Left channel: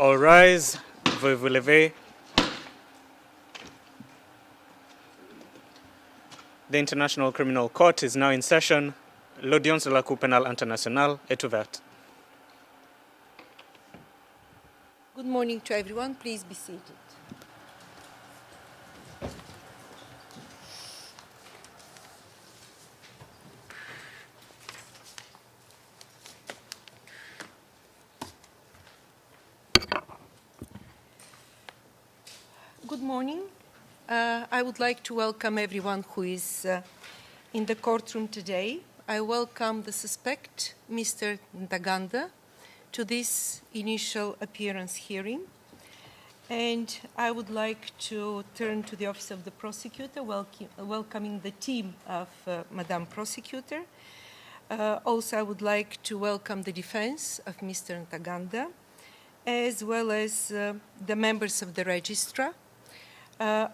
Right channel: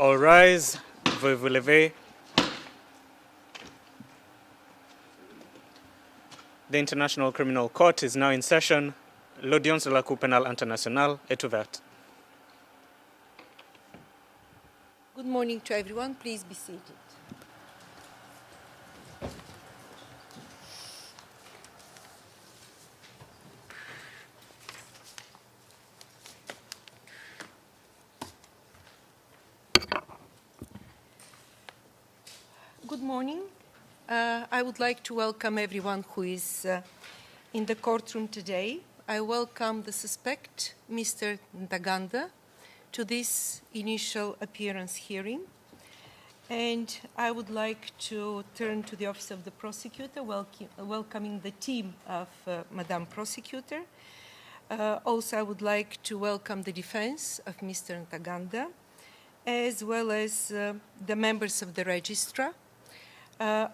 All rise. Veuillez vous lever. The International Criminal Court is now in session. L'audience de la Cour pénale internationale est ouverte. Good morning to everyone. Please be seated. Good morning. I would like to welcome everyone who is in the courtroom today. I welcome the suspect, Mr. Ntaganda, to this initial appearance hearing. And I would like to turn to the Office of the Prosecutor, welcoming the team of Madam Prosecutor. Also, I would like to welcome the defense of Mr. Ntaganda, as well as the members of the registrar.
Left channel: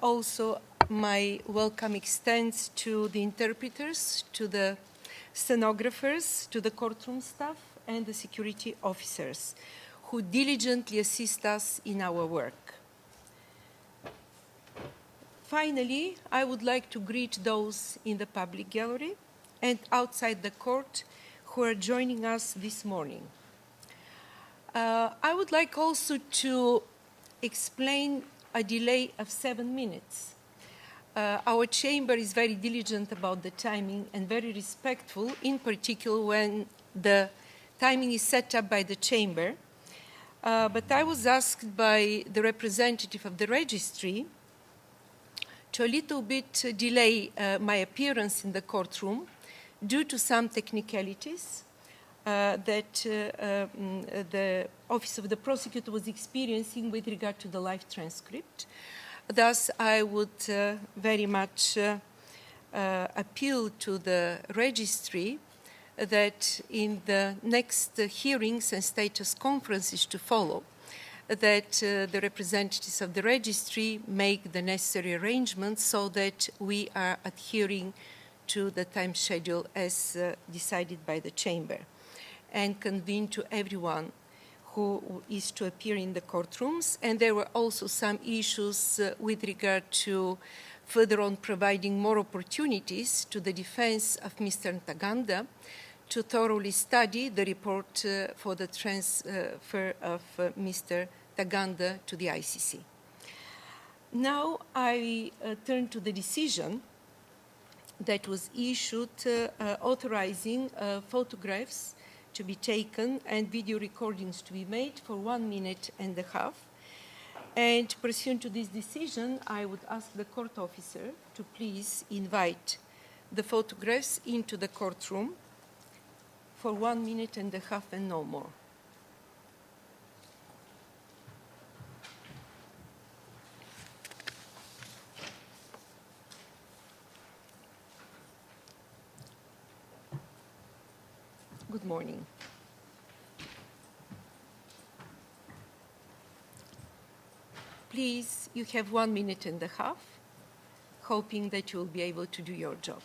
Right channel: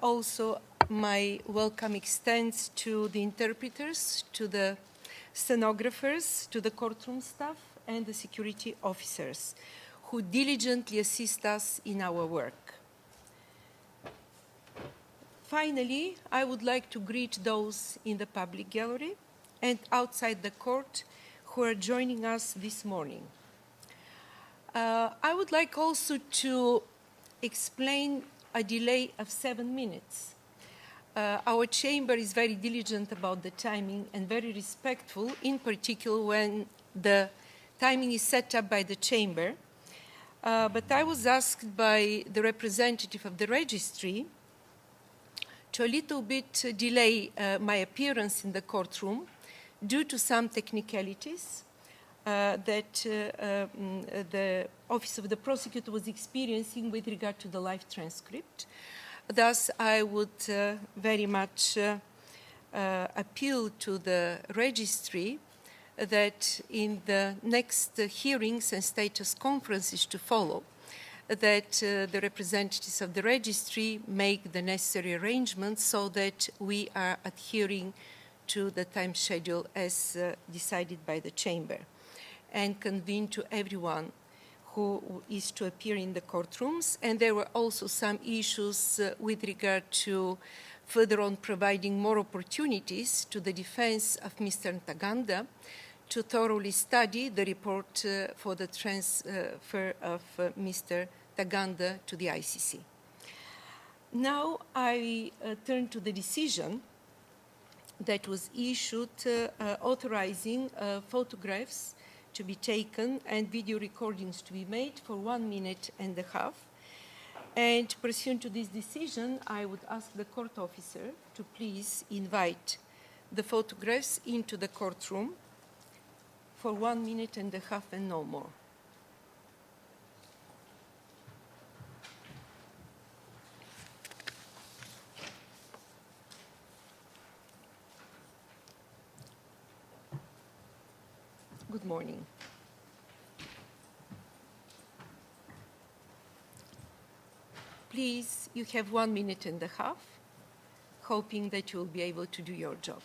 Also, my welcome extends to the interpreters, to the stenographers, to the courtroom staff, and the security officers who diligently assist us in our work. Finally, I would like to greet those in the public gallery and outside the court who are joining us this morning. I would like also to explain a delay of 7 minutes. Our chamber is very diligent about the timing and very respectful, in particular when the timing is set up by the chamber. But I was asked by the representative of the registry to a little bit delay my appearance in the courtroom due to some technicalities that the Office of the Prosecutor was experiencing with regard to the live transcript. Thus, I would very much appeal to the registry that in the next hearings and status conferences to follow, that the representatives of the registry make the necessary arrangements so that we are adhering to the time schedule as decided by the chamber, and convene to everyone who is to appear in the courtrooms. And there were also some issues with regard to further on providing more opportunities to the defense of Mr. Ntaganda to thoroughly study the report for the transfer of Mr. Ntaganda to the ICC. Now I turn to the decision that was issued authorizing photographs to be taken and video recordings to be made for 1.5 minutes. And pursuant to this decision, I would ask the court officer to please invite the photographs into the courtroom for 1.5 minutes and no more. Good morning. Please, you have 1.5 minutes, hoping that you will be able to do your job.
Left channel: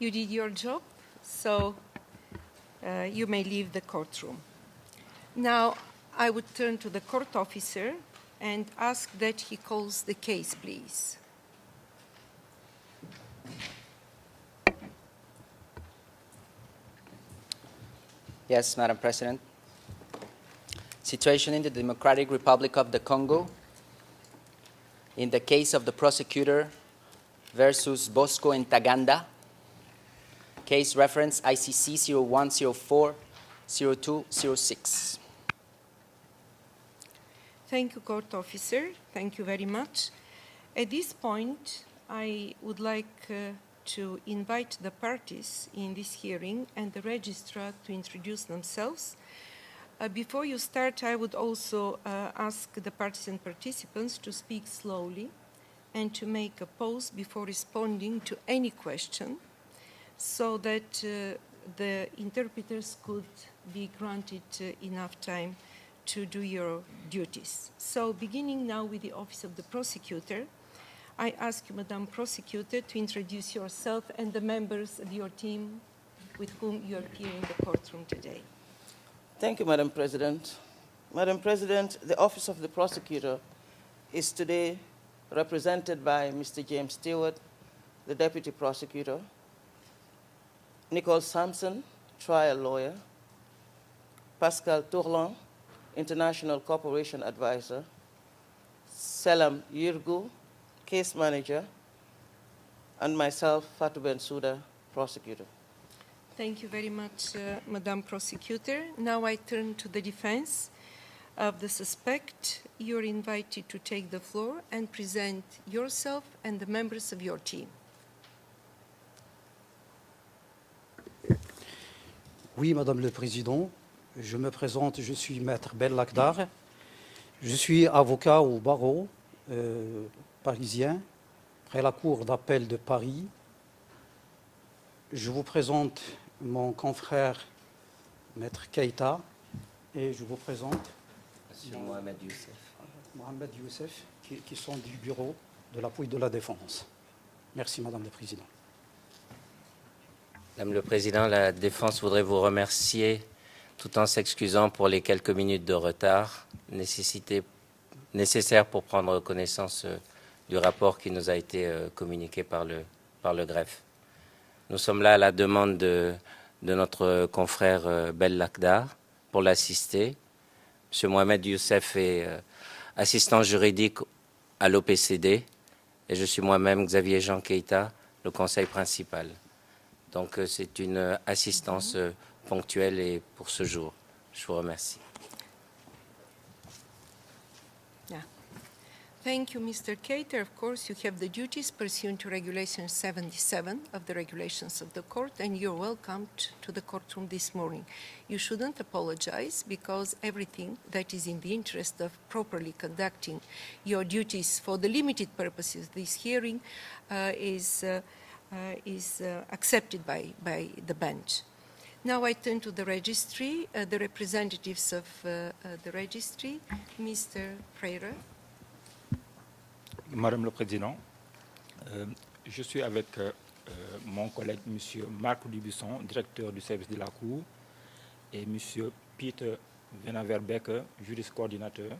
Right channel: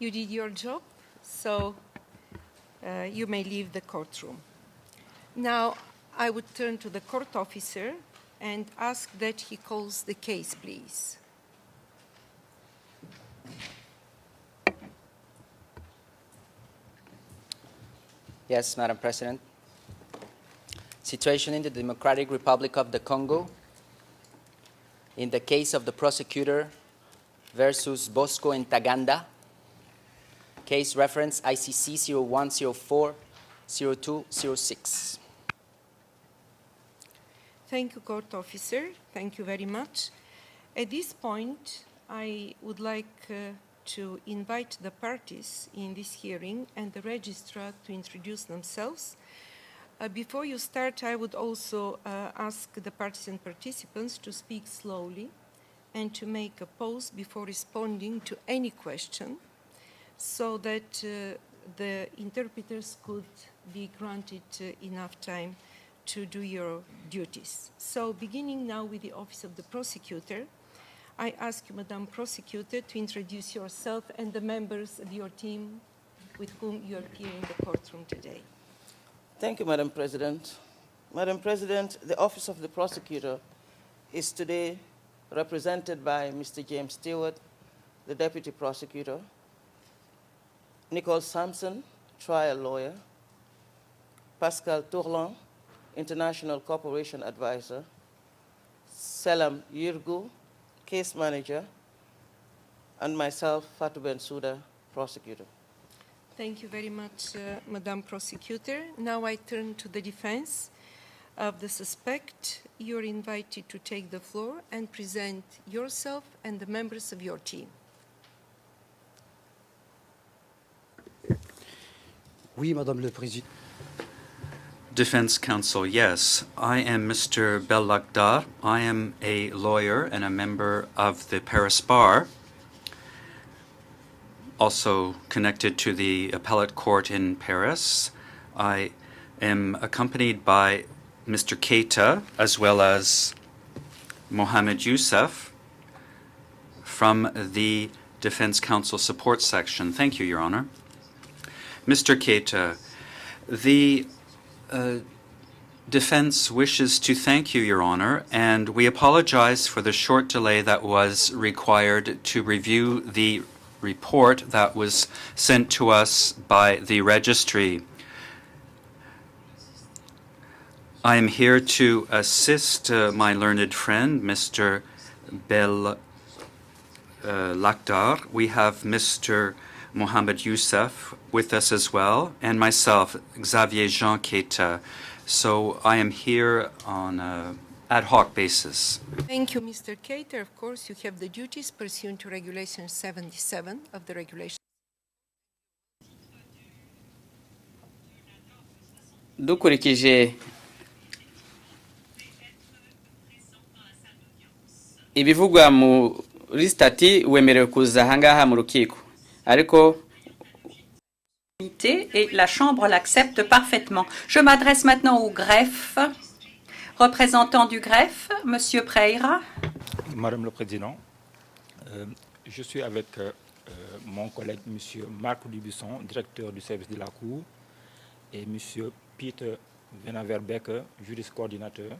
You did your job, so you may leave the courtroom. Now, I would turn to the court officer and ask that he calls the case, please. Yes, Madam President. Situation in the Democratic Republic of the Congo. In the case of the prosecutor versus Bosco Ntaganda, case reference ICC 0104-0206. Thank you, court officer. Thank you very much. At this point, I would like to invite the parties in this hearing and the registrar to introduce themselves. Before you start, I would also ask the parties and participants to speak slowly and to make a pause before responding to any question so that the interpreters could be granted enough time to do your duties. So beginning now with the Office of the Prosecutor, I ask you, Madam Prosecutor, to introduce yourself and the members of your team with whom you appear in the courtroom today. Thank you, Madam President. Madam President, the Office of the Prosecutor is today represented by Mr. James Stewart, the Deputy Prosecutor, Nicole Sampson, Trial Lawyer, Pascal Tourlan, International Cooperation Advisor, Selam Yirgu, Case Manager, and myself, Fatou Bensouda, Prosecutor. Thank you very much, Madam Prosecutor. Now I turn to the defense of the suspect. You're invited to take the floor and present yourself and the members of your team. Oui, Madame le Président. Je me présente. Defense counsel, yes, I am Mr. Bellakhdar. I am a lawyer and a member of the Paris Bar, also connected to the appellate court in Paris. I am accompanied by Mr. Keita as well as Mohamed Youssef from the Defense Counsel Support Section. Thank you, Your Honor. Mr. Keita, the defense wishes to thank you, Your Honor, and we apologize for the short delay that was required to review the report that was sent to us by the registry. I am here to assist my learned friend, Mr. Bellakhdar. We have Mr. Mohamed Youssef with us as well, and myself, Xavier Jean Keita. So I am here on an ad hoc basis. Thank you, Mr. Keita. Of course, you have the duties pursuant to Regulation 77 of the regulations of the court, and you're welcomed to the courtroom this morning. You shouldn't apologize because everything that is in the interest of properly conducting your duties for the limited ibivugwa muri stati wemerewe kuza ahangaha mu rukiko ariko et la Chambre l'accepte parfaitement. Je m'adresse maintenant au greffe. Représentant du greffe, Monsieur Preira. Madame le Président, je suis avec mon collègue Monsieur Marc Dubusson, directeur du service de la Cour, et M. Peter Venaverbeck, juriste coordinateur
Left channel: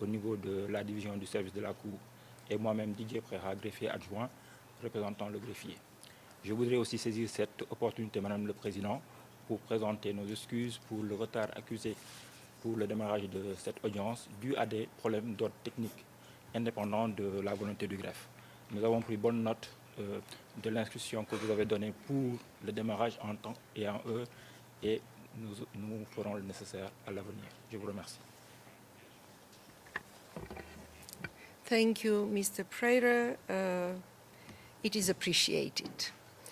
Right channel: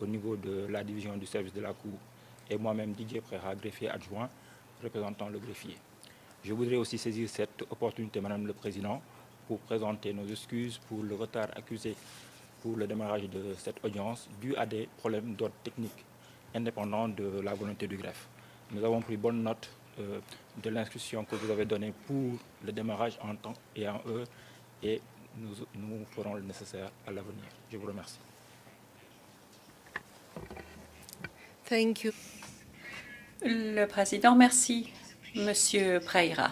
au niveau de la division du service de la Cour, et moi-même Didier Preira, greffier adjoint, représentant le greffier. Je voudrais aussi saisir cette opportunité, Madame le Président, pour présenter nos excuses pour le retard accusé pour le démarrage de cette audience dû à des problèmes d'ordre technique indépendants de la volonté du greffe. Nous avons pris bonne note de l'instruction que vous avez donnée pour le démarrage en temps et en heure, et nous ferons le nécessaire à l'avenir. Je vous remercie. Thank you, Mr. Preira. Le Président, merci, it is Monsieur Preira.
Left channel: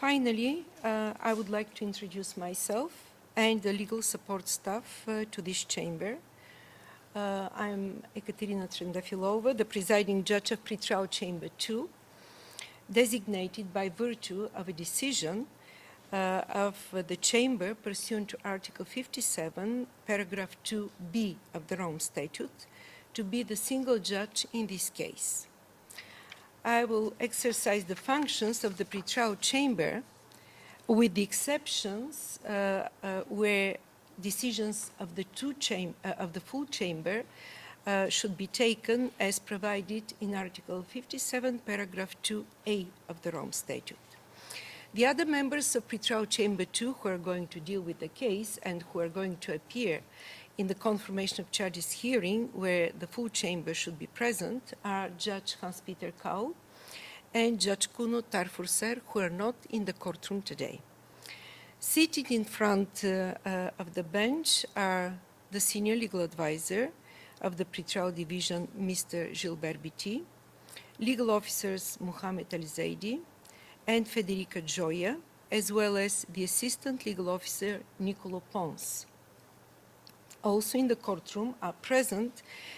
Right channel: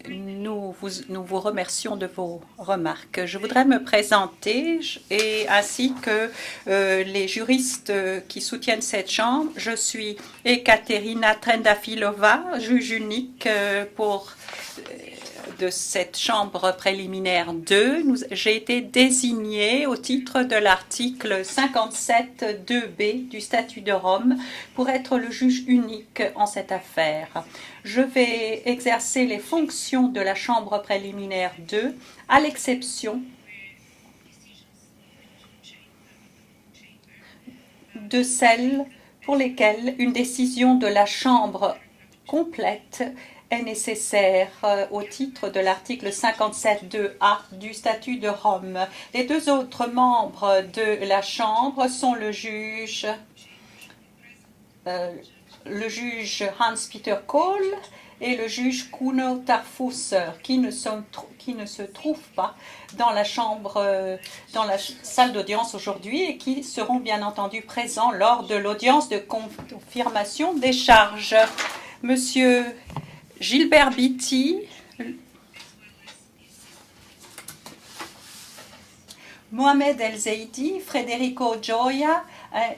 Finally, nous vous remercions de vos remarques. Je voudrais me présenter, et ainsi que les juristes qui soutiennent cette Chambre. Je suis Ekaterina Trendafilova, juge unique de cette Chambre préliminaire 2. J'ai été désignée au titre de l'article 57.2b du statut de Rome pour être le juge unique en cette affaire. Je vais exercer les fonctions de la Chambre préliminaire 2, à l'exception de celles pour lesquelles une décision de la Chambre complète est nécessaire au titre de l'article 57.2a du statut de Rome. Les deux autres membres de la Chambre sont le juge Hans-Peter Kohl et le juge Kuno Tarfus, qui ne se trouvent pas dans la chambre, dans la salle d'audience aujourd'hui et qui seront bien entendu présents lors de l'audience de confirmation des charges. Monsieur Gilbert Bitti, Mohamed El Zeidi, Federico Gioia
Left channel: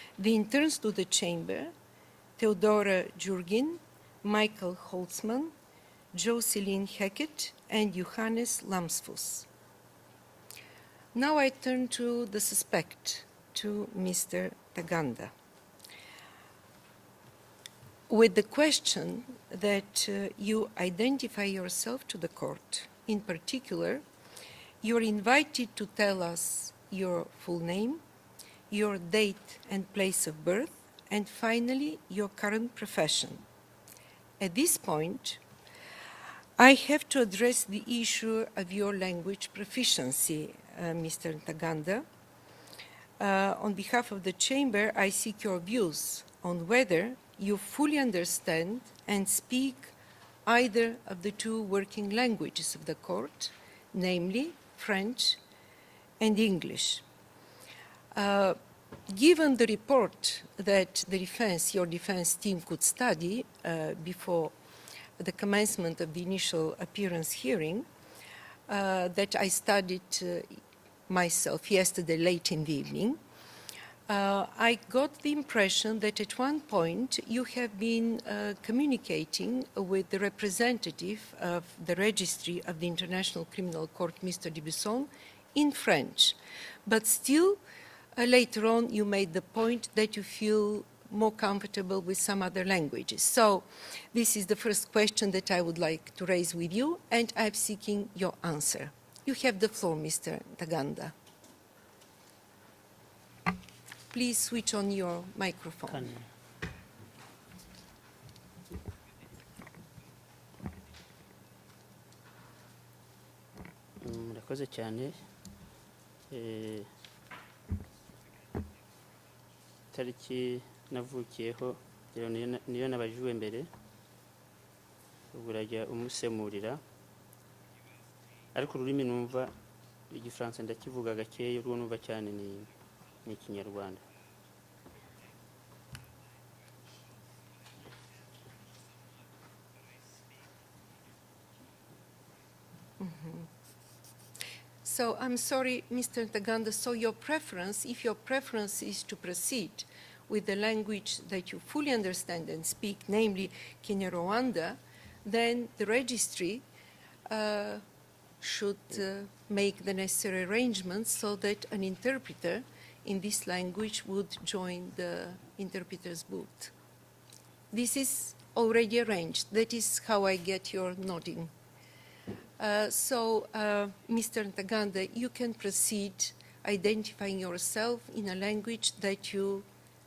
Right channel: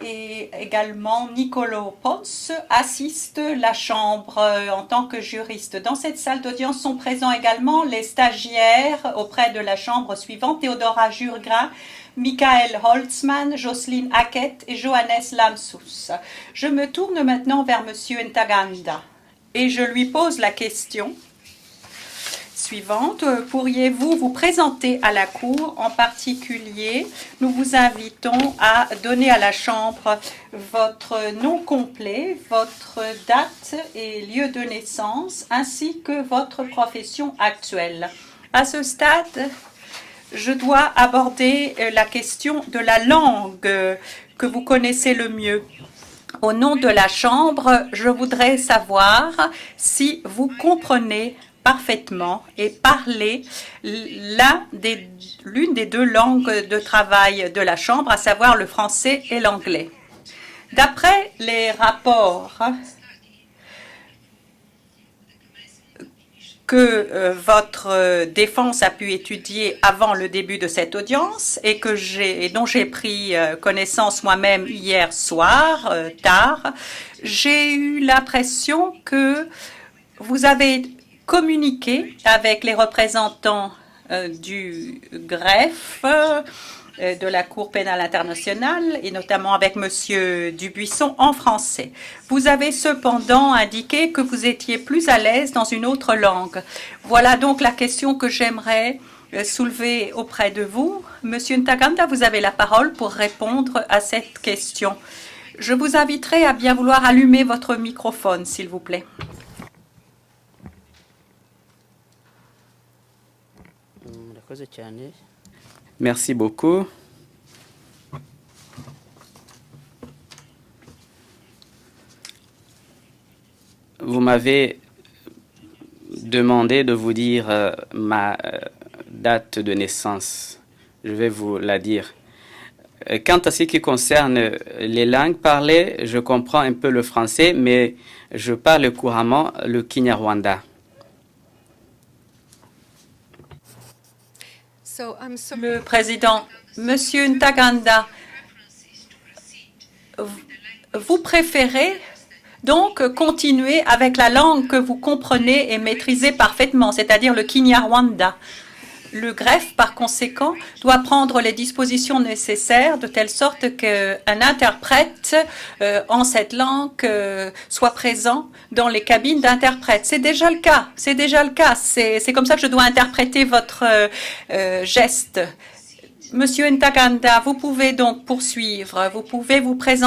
et également Nicolo Pons assistent la Chambre en tant que juristes. Dans cette salle d'audience sont présents également les stagiaires auprès de la Chambre suivante, Theodora Jurgra, Michael Holzmann, Jocelyne Hackett et Johannes Lamsus. Je me tourne maintenant vers Monsieur Ntaganda. Et je lui pose la question suivante. Pourriez-vous vous présenter à la Cour? En particulier, nous vous invitons à donner à la Chambre votre nom complet, votre date et lieu de naissance, ainsi que votre profession actuelle. À ce stade, je dois aborder la question de la langue que vous connaissez le mieux. Au nom de la Chambre, je voudrais savoir si vous comprenez parfaitement et parlez l'une des deux langues de travail de la Chambre, à savoir le français et l'anglais. D'après les rapports que votre défense a pu étudier avant le début de cette audience et dont j'ai pris connaissance moi-même hier soir, tard, j'ai eu l'impression que vous avez communiqué avec les représentants du greffe de la Cour pénale internationale et notamment avec M. Dubuisson en français. Vous avez cependant indiqué que vous étiez plus à l'aise dans une autre langue. Voilà donc la question que j'aimerais soulever auprès de vous. Monsieur Ntaganda, vous avez la parole pour répondre à cette question. Je vous inviterai à bien vouloir allumer votre microphone, s'il vous plaît. Merci beaucoup. Vous m'avez demandé de vous dire ma date de naissance. Je vais vous la dire. Quant à ce qui concerne les langues parlées, je comprends un peu le français, mais je parle couramment le Kinyarwanda. Le président, Monsieur Ntaganda, vous préférez donc continuer avec la langue que vous comprenez et maîtrisez parfaitement, c'est-à-dire le Kinyarwanda. Le greffe, par conséquent, doit prendre les dispositions nécessaires de telle sorte qu'un interprète en cette langue soit présent dans les cabines d'interprètes. C'est déjà le cas. C'est déjà le cas. C'est comme ça que je dois interpréter votre geste. Monsieur Ntaganda, vous pouvez donc poursuivre. Vous pouvez vous présenter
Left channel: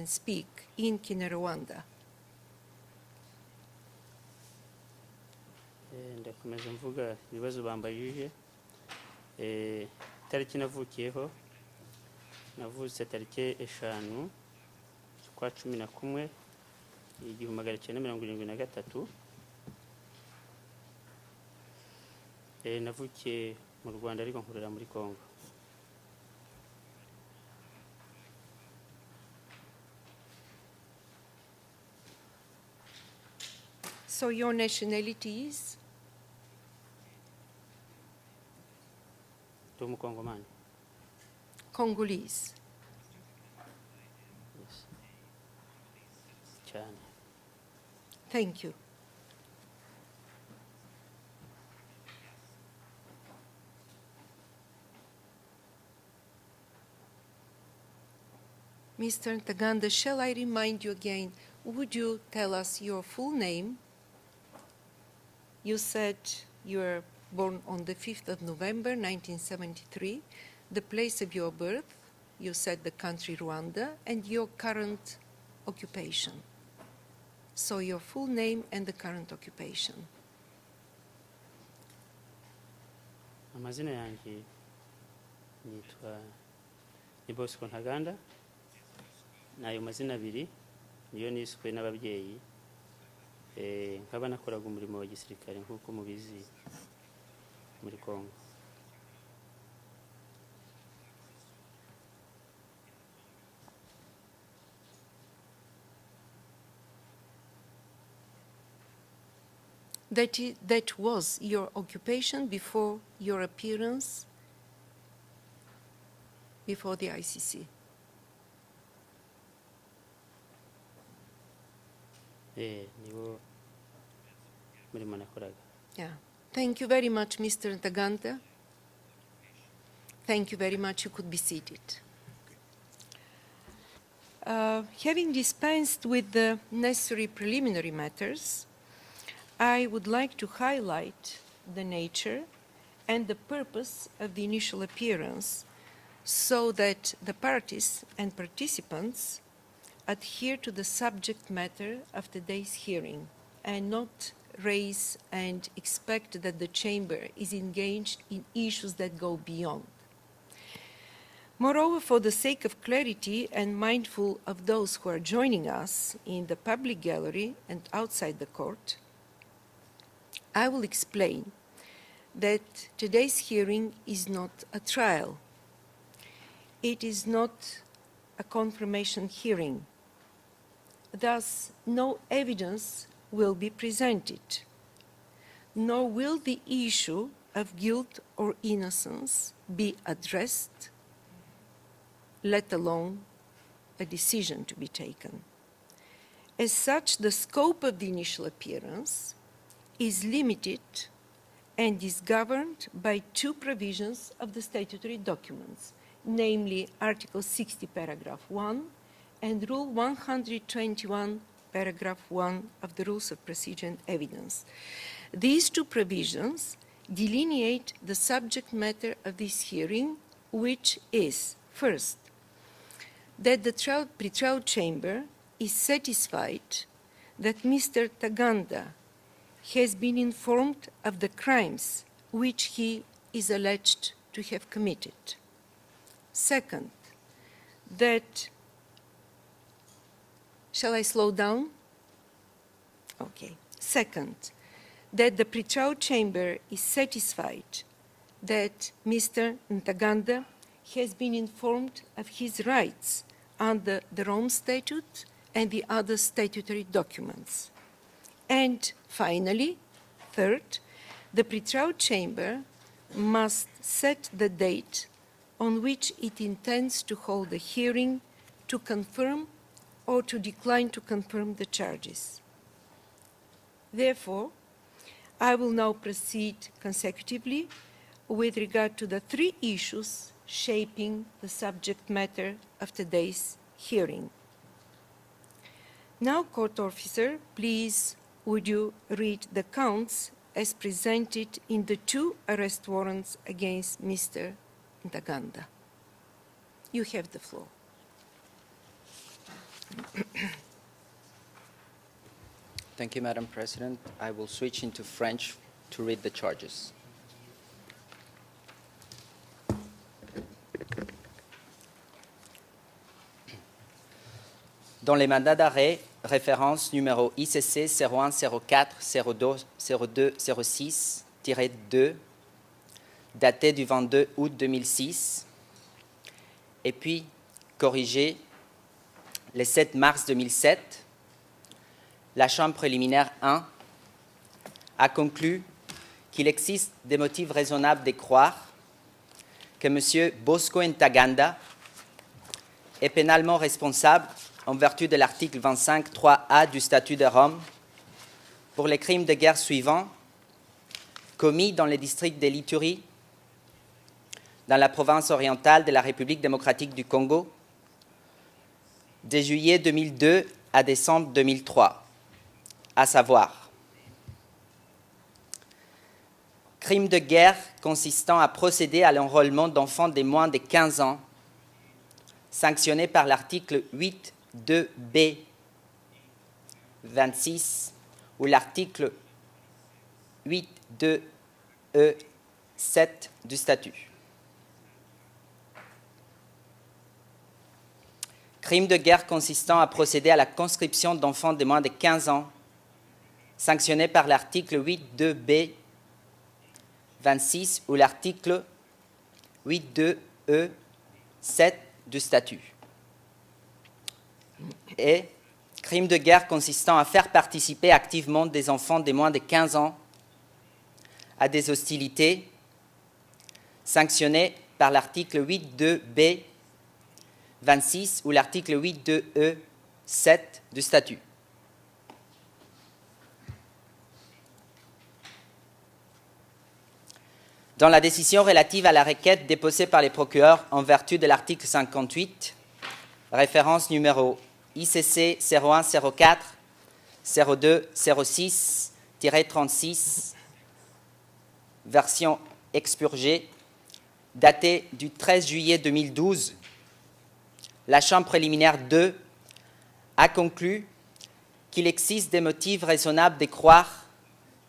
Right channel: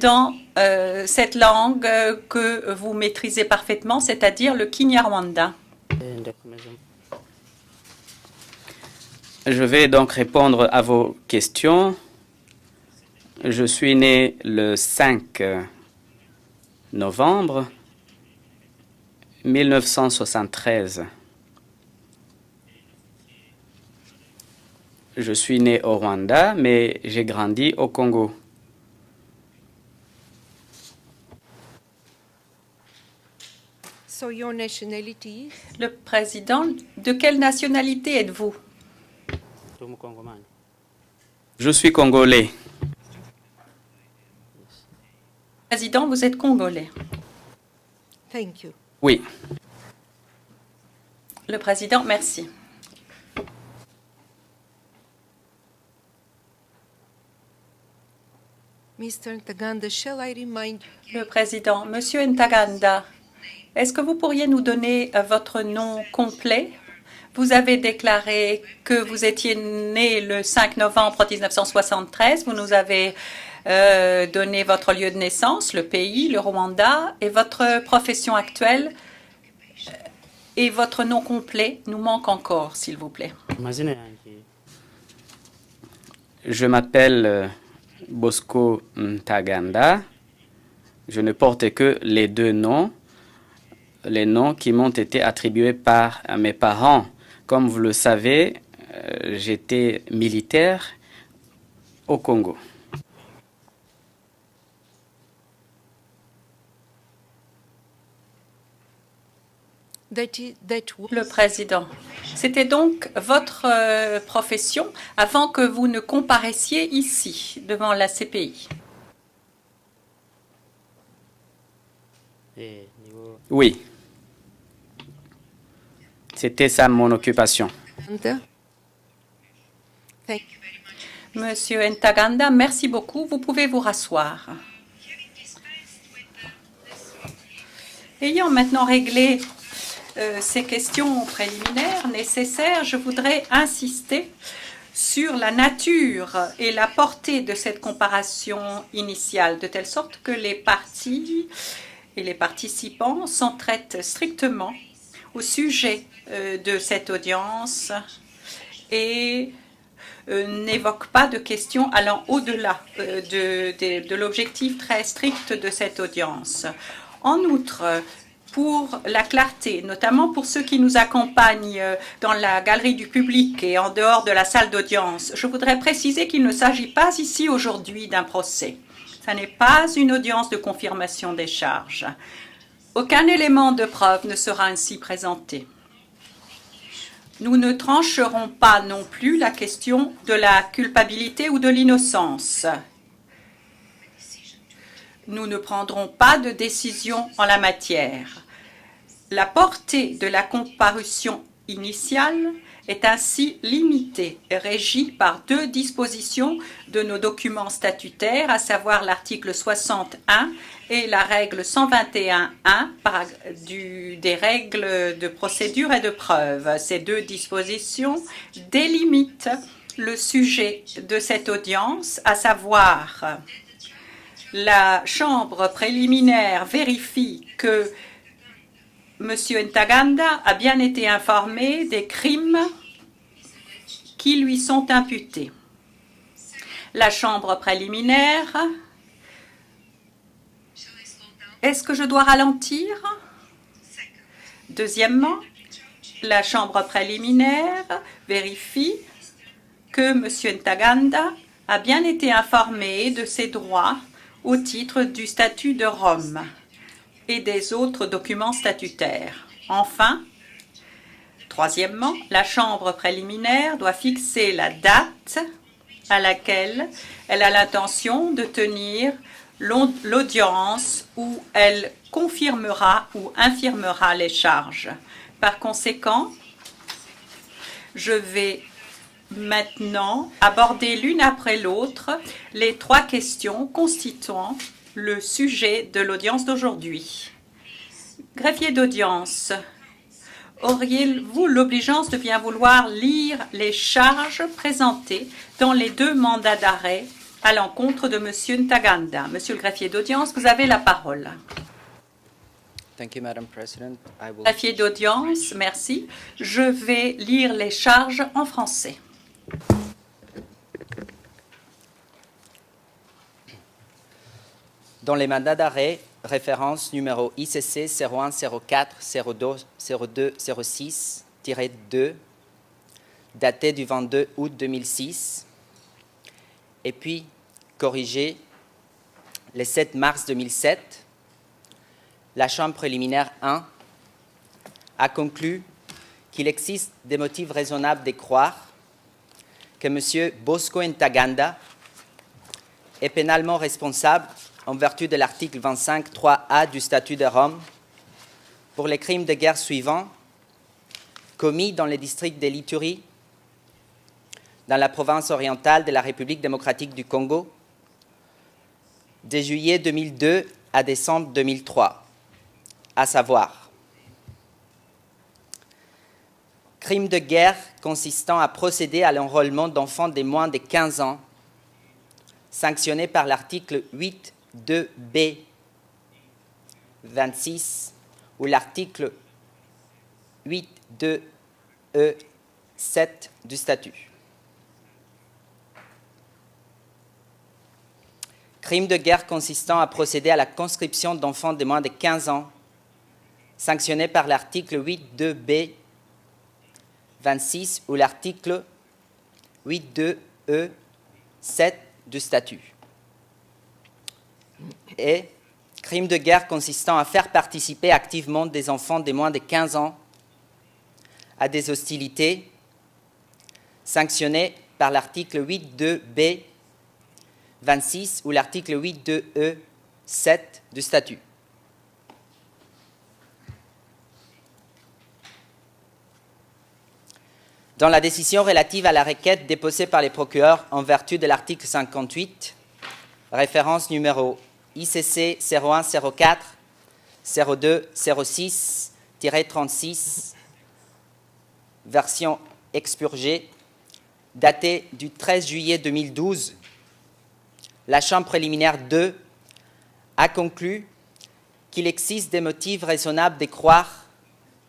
dans cette langue que vous maîtrisez parfaitement, c'est-à-dire le Kinyarwanda. Je vais donc répondre à vos questions. Je suis né le 5 novembre 1973. Je suis né au Rwanda, mais j'ai grandi au Congo. Le président, de quelle nationalité êtes-vous? Je suis congolais. Président, vous êtes congolais. Oui. Le président, merci. Le président, Monsieur Ntaganda, est-ce que vous pourriez nous donner votre nom complet? Vous avez déclaré que vous étiez né le 5 novembre 1973. Vous nous avez donné votre lieu de naissance, le pays, le Rwanda, et votre profession actuelle. Et votre nom complet nous manque encore, s'il vous plaît. Je m'appelle Bosco Ntaganda. Je ne porte que les deux noms, les noms qui m'ont été attribués par mes parents. Comme vous le savez, j'étais militaire au Congo. Le président, c'était donc votre profession avant que vous ne comparaissiez ici, devant la CPI. Oui, c'était ça mon occupation. Monsieur Ntaganda, merci beaucoup. Vous pouvez vous rasseoir. Ayant maintenant réglé ces questions préliminaires nécessaires, je voudrais insister sur la nature et la portée de cette comparaison initiale, de telle sorte que les parties et les participants s'en traitent strictement au sujet de cette audience et n'évoque pas de questions allant au-delà de l'objectif très strict de cette audience. En outre, pour la clarté, notamment pour ceux qui nous accompagnent dans la galerie du public et en dehors de la salle d'audience, je voudrais préciser qu'il ne s'agit pas ici aujourd'hui d'un procès. Ce n'est pas une audience de confirmation des charges. Aucun élément de preuve ne sera ainsi présenté. Nous ne trancherons pas non plus la question de la culpabilité ou de l'innocence. Nous ne prendrons pas de décision en la matière. La portée de la comparution initiale est ainsi limitée et régie par deux dispositions de nos documents statutaires, à savoir l'article 61 et la règle 121.1 des règles de procédure et de preuve. Ces deux dispositions délimitent le sujet de cette audience, à savoir la chambre préliminaire vérifie que Monsieur Ntaganda a bien été informé des crimes qui lui sont imputés. La chambre préliminaire. Est-ce que je dois ralentir? Deuxièmement, la chambre préliminaire vérifie que M. Ntaganda a bien été informé de ses droits au titre du statut de Rome et des autres documents statutaires. Enfin, troisièmement, la chambre préliminaire doit fixer la date à laquelle elle a l'intention de tenir l'audience où elle confirmera ou infirmera les charges. Par conséquent, je vais maintenant aborder l'une après l'autre les trois questions constituant le sujet de l'audience d'aujourd'hui. Greffier d'audience, auriez-vous l'obligeance de bien vouloir lire les charges présentées dans les deux mandats d'arrêt à l'encontre de M. Ntaganda? Monsieur le greffier d'audience, vous avez la parole. Greffier d'audience, merci. Je vais lire les charges en français. Dans les mandats d'arrêt, référence numéro ICC 01 04 02 06-2, daté du 22 août 2006, et puis corrigé le 7 mars 2007, la Chambre préliminaire 1 a conclu qu'il existe des motifs raisonnables de croire que M. Bosco Ntaganda est pénalement responsable en vertu de l'article 25.3a du statut de Rome pour les crimes de guerre suivants commis dans le district de l'Ituri, dans la province orientale de la République démocratique du Congo, de juillet 2002 à décembre 2003, à savoir crime de guerre consistant à procéder à l'enrôlement d'enfants de moins de 15 ans, sanctionné par l'article 8.2b 26 ou l'article 8.2e 7 du statut. Crime de guerre consistant à procéder à la conscription d'enfants de moins de 15 ans, sanctionné par l'article 8.2b 26 ou l'article 8.2e 7 du statut. Et crime de guerre consistant à faire participer activement des enfants de moins de 15 ans à des hostilités, sanctionné par l'article 8.2b 26 ou l'article 8.2e 7 du statut. Dans la décision relative à la requête déposée par les procureurs en vertu de l'article 58, référence numéro ICC 0104 02 06-36, version expurgée, datée du 13 juillet 2012, la Chambre préliminaire 2 a conclu qu'il existe des motifs raisonnables de croire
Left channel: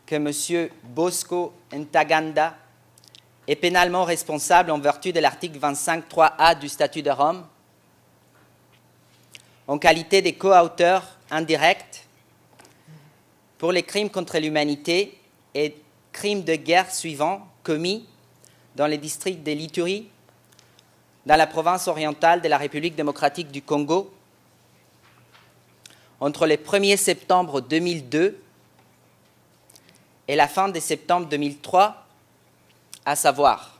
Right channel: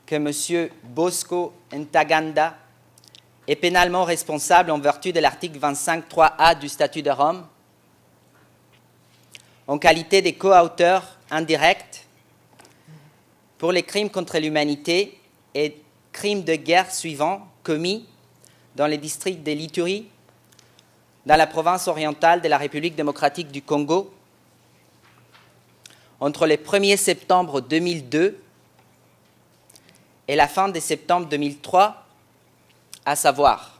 que M. Bosco Ntaganda est pénalement responsable en vertu de l'article 25.3a du Statut de Rome, en qualité de co-auteur indirect pour les crimes contre l'humanité et crimes de guerre suivants commis dans les districts de l'Ituri, dans la province orientale de la République démocratique du Congo, entre le 1er septembre 2002 et la fin de septembre 2003, à savoir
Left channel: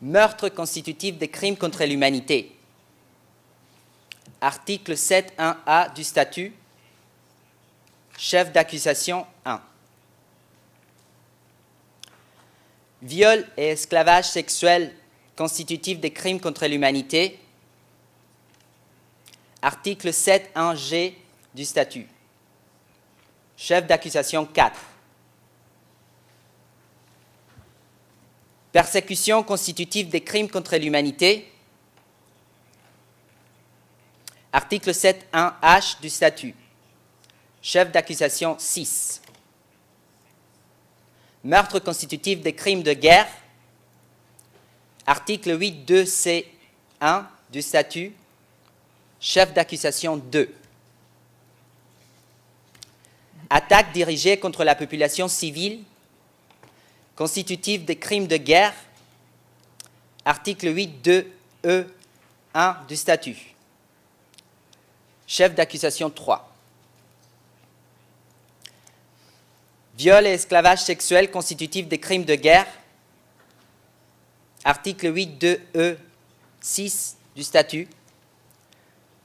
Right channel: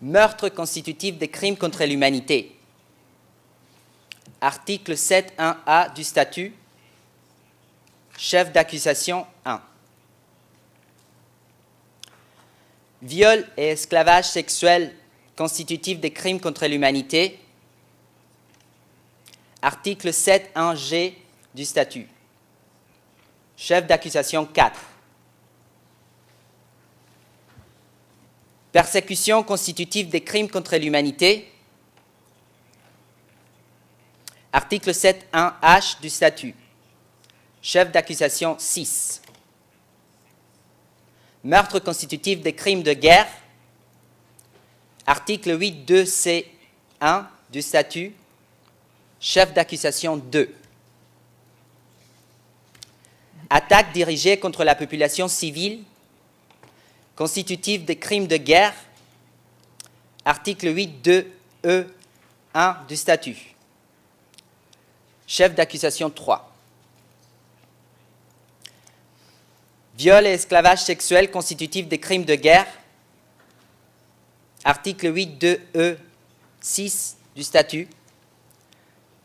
meurtre constitutif des crimes contre l'humanité, article 7.1a du statut, chef d'accusation 1. Viol et esclavage sexuel constitutif des crimes contre l'humanité, article 7.1g du statut, chef d'accusation 4. Persécution constitutive des crimes contre l'humanité, article 7.1h du statut, chef d'accusation 6. Meurtre constitutif des crimes de guerre, article 8.2c1 du statut, chef d'accusation 2. Attaque dirigée contre la population civile, constitutif des crimes de guerre, article 8.2e1 du statut, chef d'accusation 3. Viol et esclavage sexuel constitutif des crimes de guerre, article 8.2e6 du statut,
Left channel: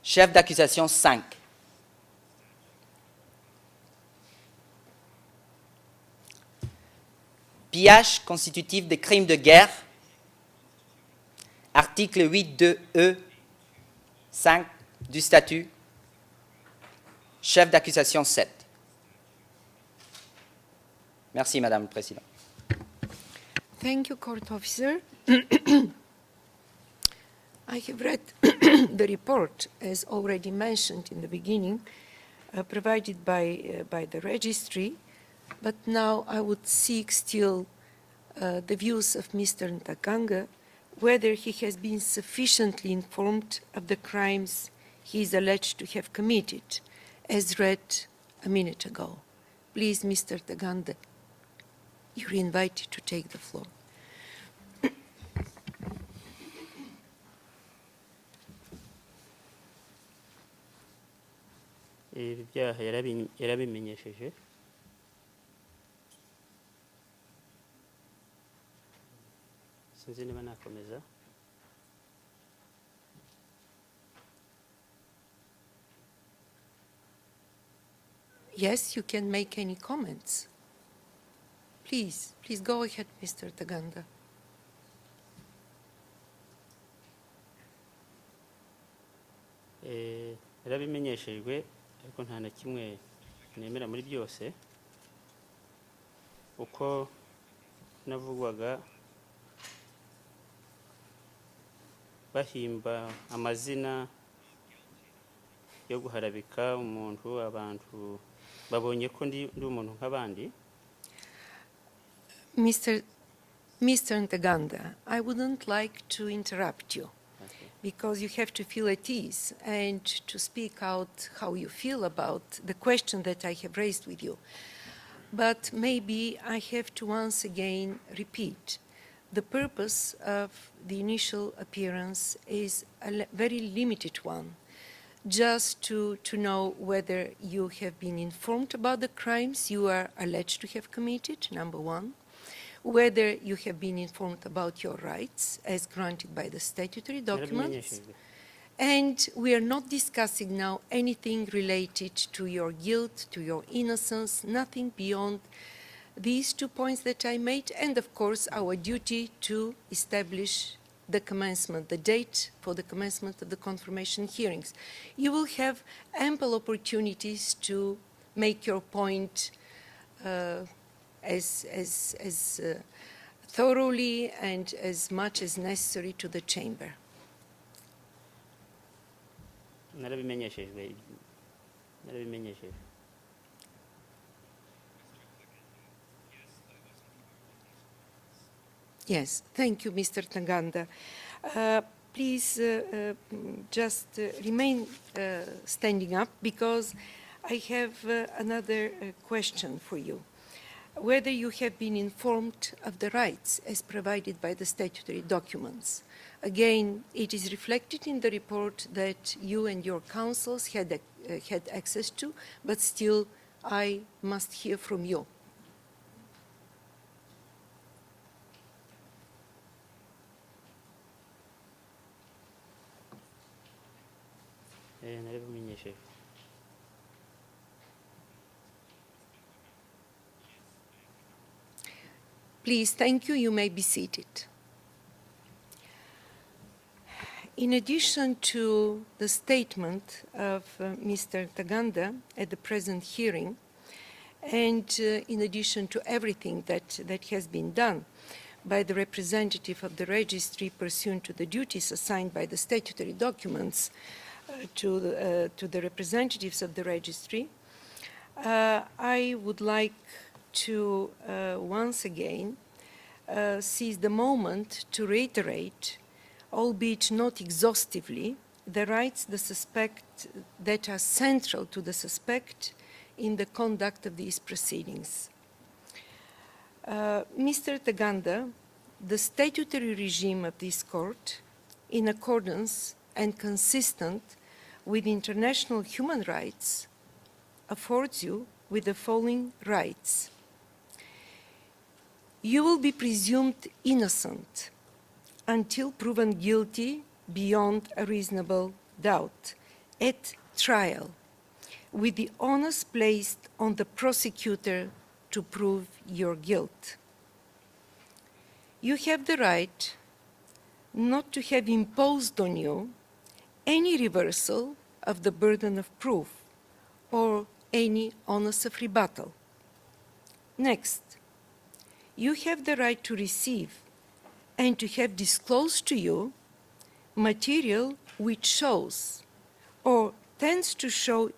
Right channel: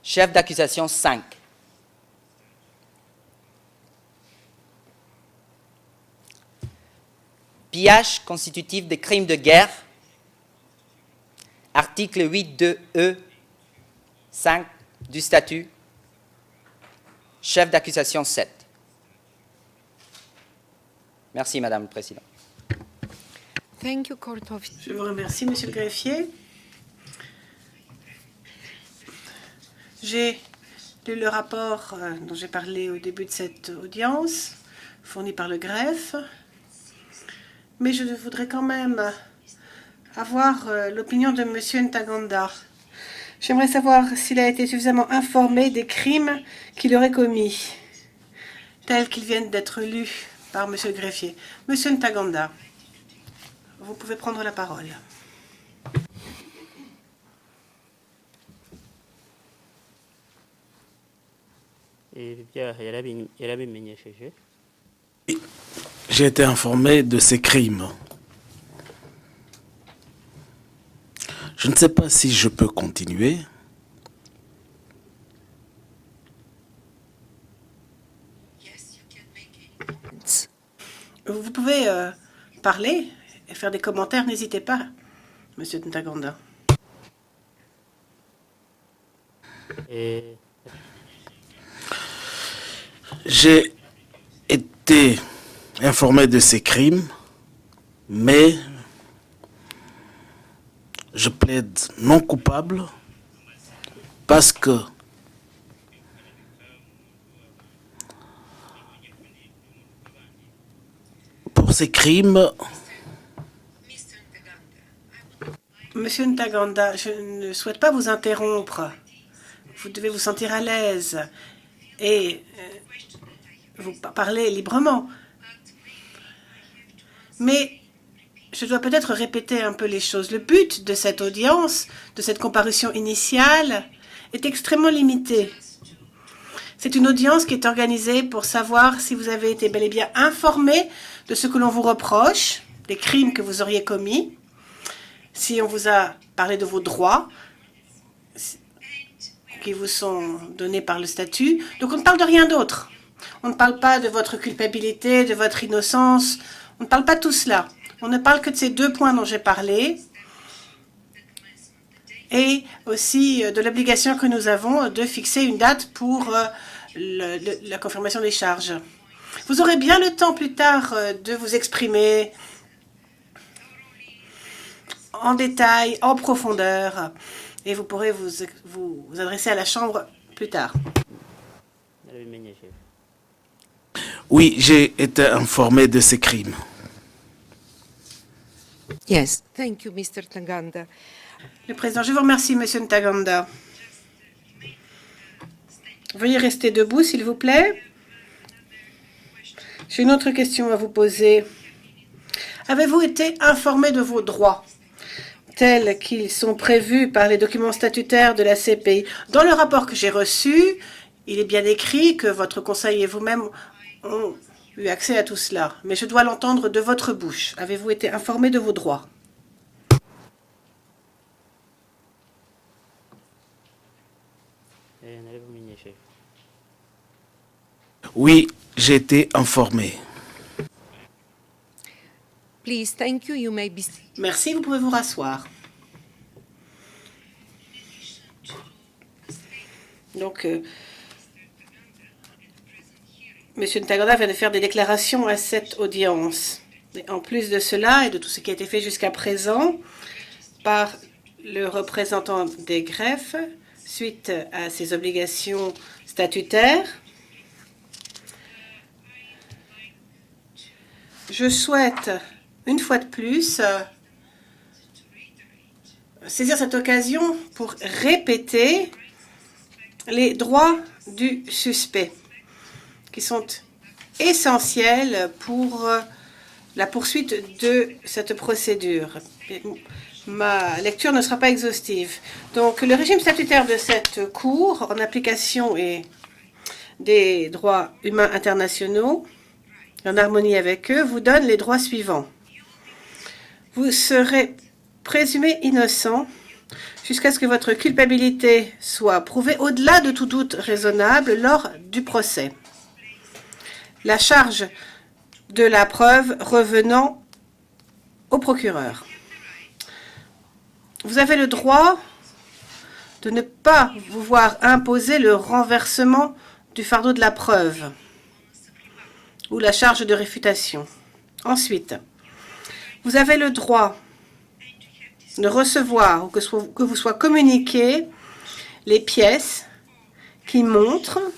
chef d'accusation 5. Pillage constitutif des crimes de guerre, article 8.2e5 du statut, chef d'accusation 7. Merci, Madame la Présidente. Thank you, court officer. Je vous remercie, Monsieur le greffier. I have read the report, as already mentioned lu le rapport dont j'ai parlé au début de cette audience, fourni par le greffe. Mais je voudrais quand même avoir l'opinion de M. Ntaganda. J'aimerais savoir s'il a été suffisamment informé des crimes qu'il aurait commis, tels qu'ils viennent d'être lus par M. le greffier. Monsieur Ntaganda, vous pouvez prendre la parole. J'ai été informé de ces crimes. Je ne sais pas si je peux continuer. Yes, you can make any comments. Vous pouvez parler et faire des commentaires, n'hésitez pas, Monsieur Ntaganda. J'ai été informé de ces crimes, mais je plaide non coupable parce que pour ces crimes, Monsieur Ntaganda, je ne souhaite pas vous interrompre. Vous devez vous sentir à l'aise et vous parler librement. Mais je dois peut-être répéter un peu les choses. Le but de cette audience, de cette comparution initiale, est extrêmement limité. C'est une audience qui est organisée pour savoir si vous avez été bel et bien informé de ce que l'on vous reproche, des crimes que vous auriez commis, si on vous a parlé de vos droits qui vous sont donnés par le statut. Donc on ne parle de rien d'autre. On ne parle pas de votre culpabilité, de votre innocence. On ne parle pas de tout cela. On ne parle que de ces deux points dont j'ai parlé et aussi de l'obligation que nous avons de fixer une date pour la confirmation des charges. Vous aurez bien le temps plus tard de vous exprimer en détail, en profondeur, et vous pourrez vous adresser à la Chambre plus tard. oui, j'ai été informé de ces crimes. Yes, thank you, Mr. Ntaganda. Le Président, je vous remercie, Monsieur Ntaganda. Veuillez rester debout, s'il vous plaît. J'ai une autre question à vous poser. Avez-vous été informé de vos droits, tels qu'ils sont prévus par les documents statutaires de la CPI? Dans le rapport que j'ai reçu, il est bien écrit que votre conseil et vous-même ont eu accès à tout cela. Mais je dois l'entendre de votre bouche. Avez-vous été informé de vos droits? Oui, j'ai été informé. Please, thank you. You may be seated. Merci, vous pouvez vous rasseoir. In addition to the statement of Mr. Ntaganda at the present hearing, Monsieur Ntaganda vient de faire des déclarations à cette audience. En plus de cela et de tout ce qui a été fait jusqu'à présent par le représentant des greffes suite à ses obligations statutaires, je souhaite, une fois de plus, saisir cette occasion pour répéter les droits du suspect, qui sont essentiels pour la poursuite de cette procédure. Ma lecture ne sera pas exhaustive. Donc, le régime statutaire de cette Cour, en application des droits humains internationaux, en harmonie avec eux, vous donne les droits suivants. Vous serez présumé innocent jusqu'à ce que votre culpabilité soit prouvée au-delà de tout doute raisonnable lors du procès. La charge de la preuve revenant au procureur. Vous avez le droit de ne pas vous voir imposer le renversement du fardeau de la preuve ou la charge de réfutation. Ensuite, vous avez le droit de recevoir ou que vous soit communiqué les pièces qui montrent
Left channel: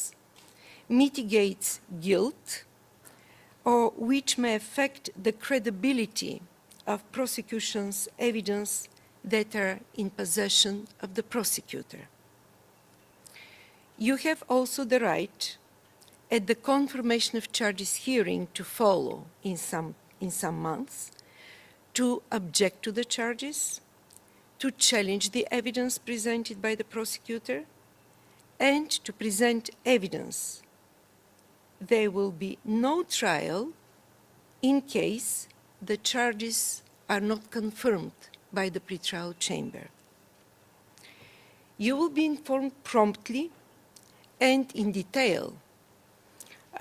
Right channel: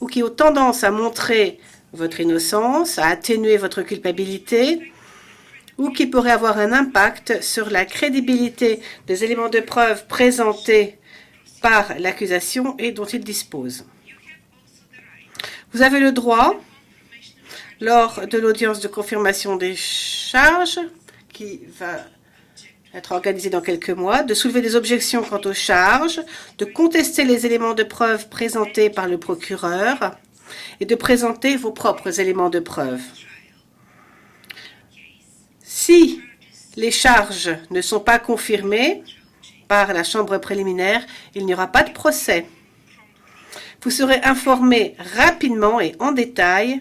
ou qui ont tendance à montrer votre innocence, à atténuer votre culpabilité, ou qui pourraient avoir un impact sur la crédibilité des éléments de preuve présentés par l'accusation et dont il dispose. Vous avez le droit, lors de l'audience de confirmation des charges, qui va être organisée dans quelques mois, de soulever des objections quant aux charges, de contester les éléments de preuve présentés par le procureur et de présenter vos propres éléments de preuve. Si les charges ne sont pas confirmées par la chambre préliminaire, il n'y aura pas de procès. Vous serez informé rapidement et en détail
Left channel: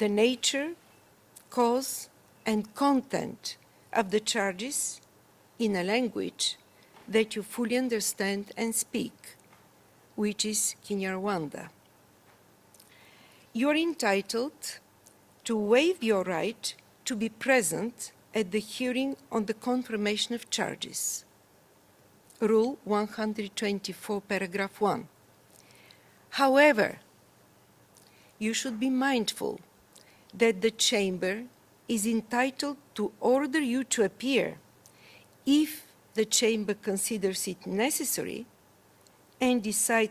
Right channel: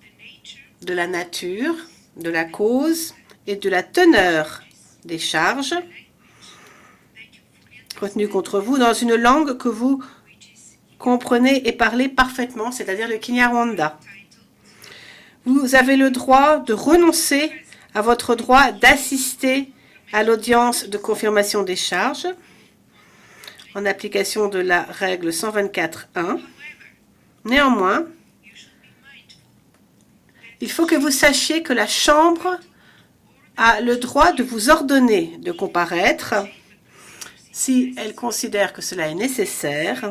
de la nature, de la cause et de la teneur des charges contenu contre vous dans une langue que vous comprenez et parlez parfaitement, c'est-à-dire le Kinyarwanda. Vous avez le droit de renoncer à votre droit d'assister à l'audience de confirmation des charges en application de la règle 124.1. Néanmoins, il faut que vous sachiez que la Chambre a le droit de vous ordonner de comparaître si elle considère que cela est nécessaire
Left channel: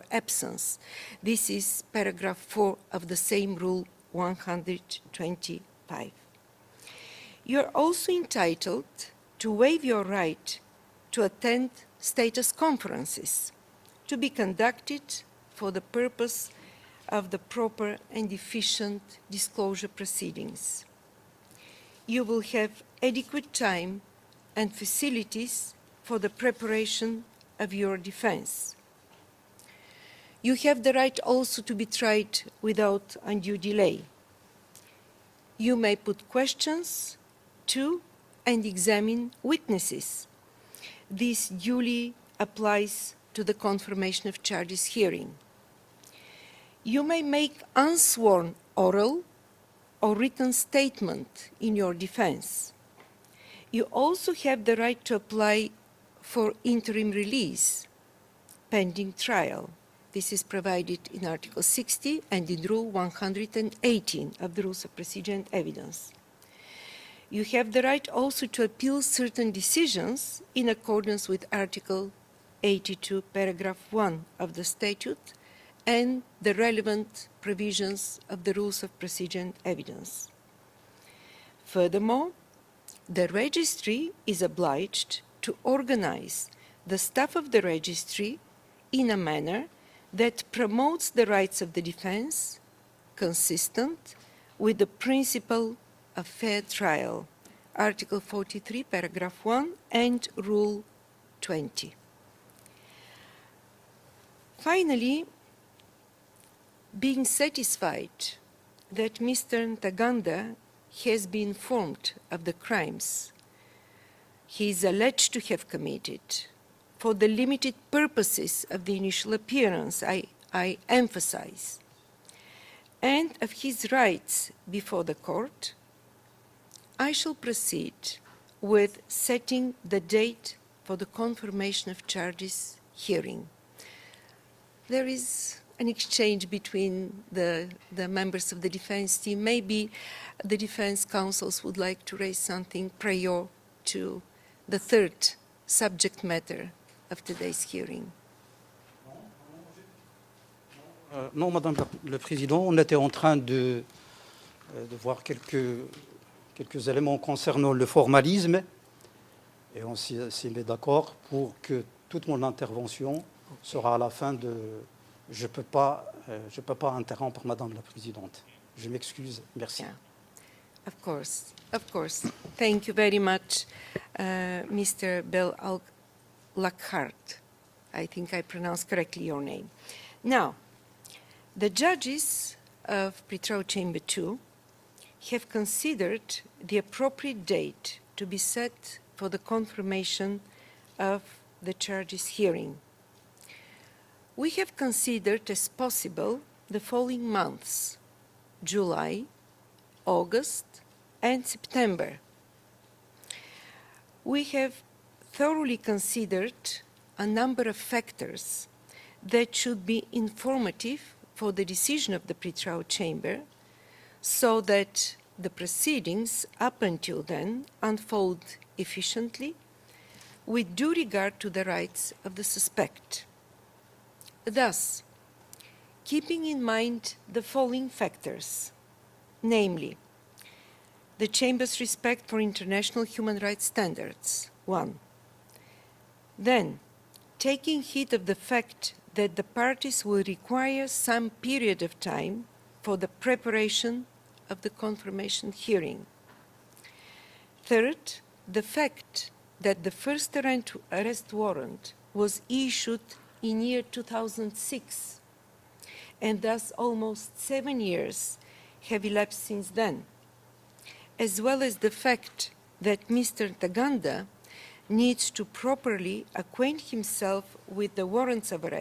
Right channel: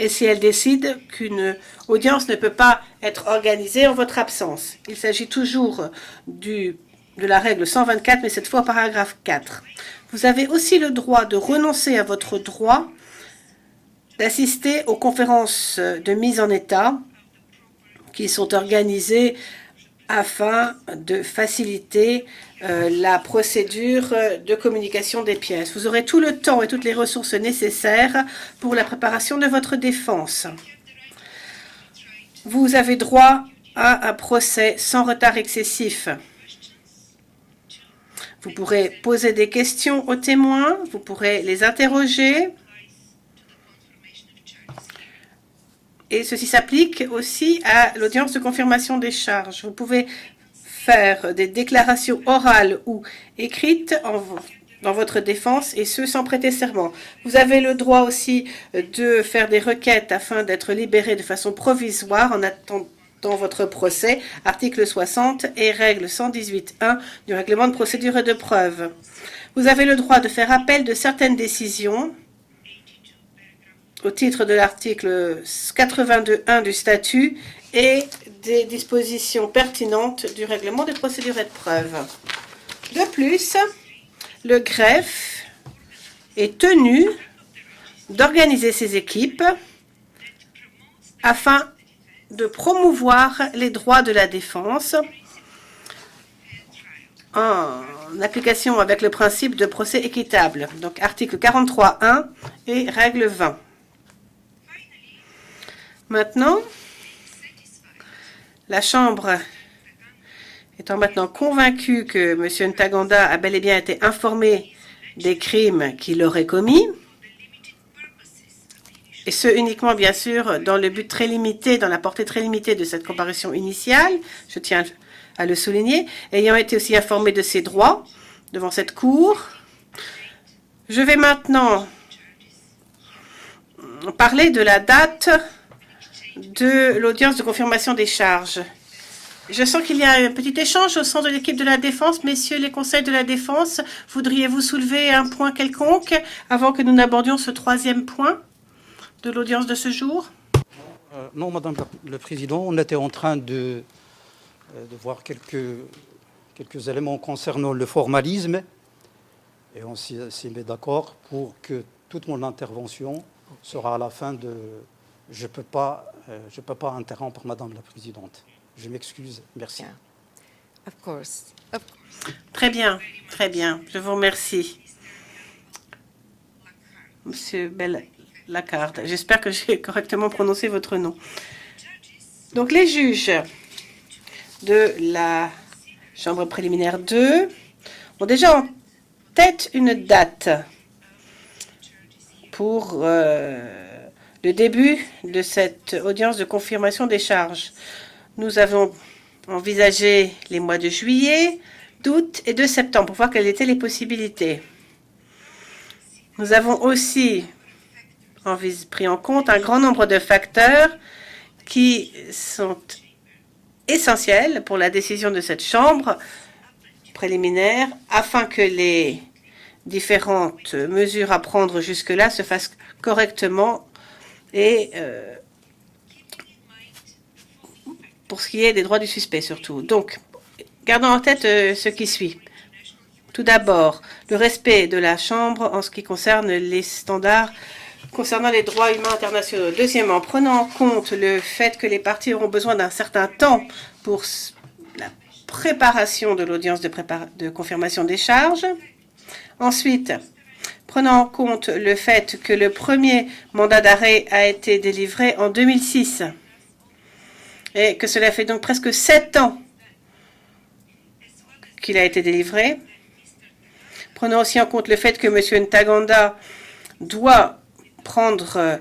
et si elle décide qu'une audience ne peut pas être organisée en votre absence. Il s'agit toujours de la règle 124, mais cette fois paragraphe 4. Vous avez aussi le droit de renoncer à votre droit d'assister aux conférences de mise en état qui sont organisées afin de faciliter la procédure de communication des pièces. Vous aurez tout le temps et toutes les ressources nécessaires pour la préparation de votre défense. Vous avez droit à un procès sans retard excessif. Vous pourrez poser des questions aux témoins, vous pourrez les interroger. Et ceci s'applique aussi à l'audience de confirmation des charges. Vous pouvez faire des déclarations orales ou écrites dans votre défense, et ce sans prêter serment. Vous avez le droit aussi de faire des requêtes afin d'être libéré de façon provisoire en attendant votre procès, article 60 et règle 118.1 du règlement de procédure et de preuve. Vous avez le droit de faire appel de certaines décisions au titre de l'article 82.1 du statut et des dispositions pertinentes du règlement de procédure et de preuve. De plus, le greffe est tenu d'organiser ses équipes afin de promouvoir les droits de la défense en application avec le principe de procès équitable. Donc article 43.1 et règle 20. Maintenant, la Chambre étant maintenant convaincue que M. Ntaganda a bel et bien été informé des crimes qu'il aurait commis, et ce uniquement bien sûr dans le but très limité, dans la portée très limitée de cette comparution initiale, je tiens à le souligner, ayant été aussi informé de ses droits devant cette Cour, je vais maintenant parler de la date de l'audience de confirmation des charges. Je sens qu'il y a un petit échange au sein de l'équipe de la Défense. Messieurs les conseils de la Défense, voudriez-vous soulever un point quelconque avant que nous n'abordions ce troisième point de l'audience de ce jour? Non, Madame le Président, on était en train de voir quelques éléments concernant le formalisme et on s'y met d'accord pour que toute mon intervention sera à la fin de... Je peux pas interrompre Madame la Présidente. Je m'excuse. Merci. Of course. Très bien. Je vous remercie. Monsieur Bel-Lackhart, j'espère que j'ai correctement prononcé votre nom. Donc les juges de la Chambre préliminaire 2 ont déjà en tête une date pour le début de cette audience de confirmation des charges. Nous avons envisagé les mois de juillet, d'août et de septembre pour voir quelles étaient les possibilités. Nous avons aussi pris en compte un grand nombre de facteurs qui sont essentiels pour la décision de cette Chambre préliminaire afin que les différentes mesures à prendre jusque-là se fassent correctement et pour ce qui est des droits du suspect surtout. Donc, gardons en tête ce qui suit. Tout d'abord, le respect de la Chambre en ce qui concerne les standards concernant les droits humains internationaux. Deuxièmement, prenant en compte le fait que les parties auront besoin d'un certain temps pour la préparation de l'audience de confirmation des charges. Ensuite, prenant en compte le fait que le premier mandat d'arrêt a été délivré en 2006 et que cela fait donc presque 7 ans qu'il a été délivré. Prenons aussi en compte le fait que M. Ntaganda doit prendre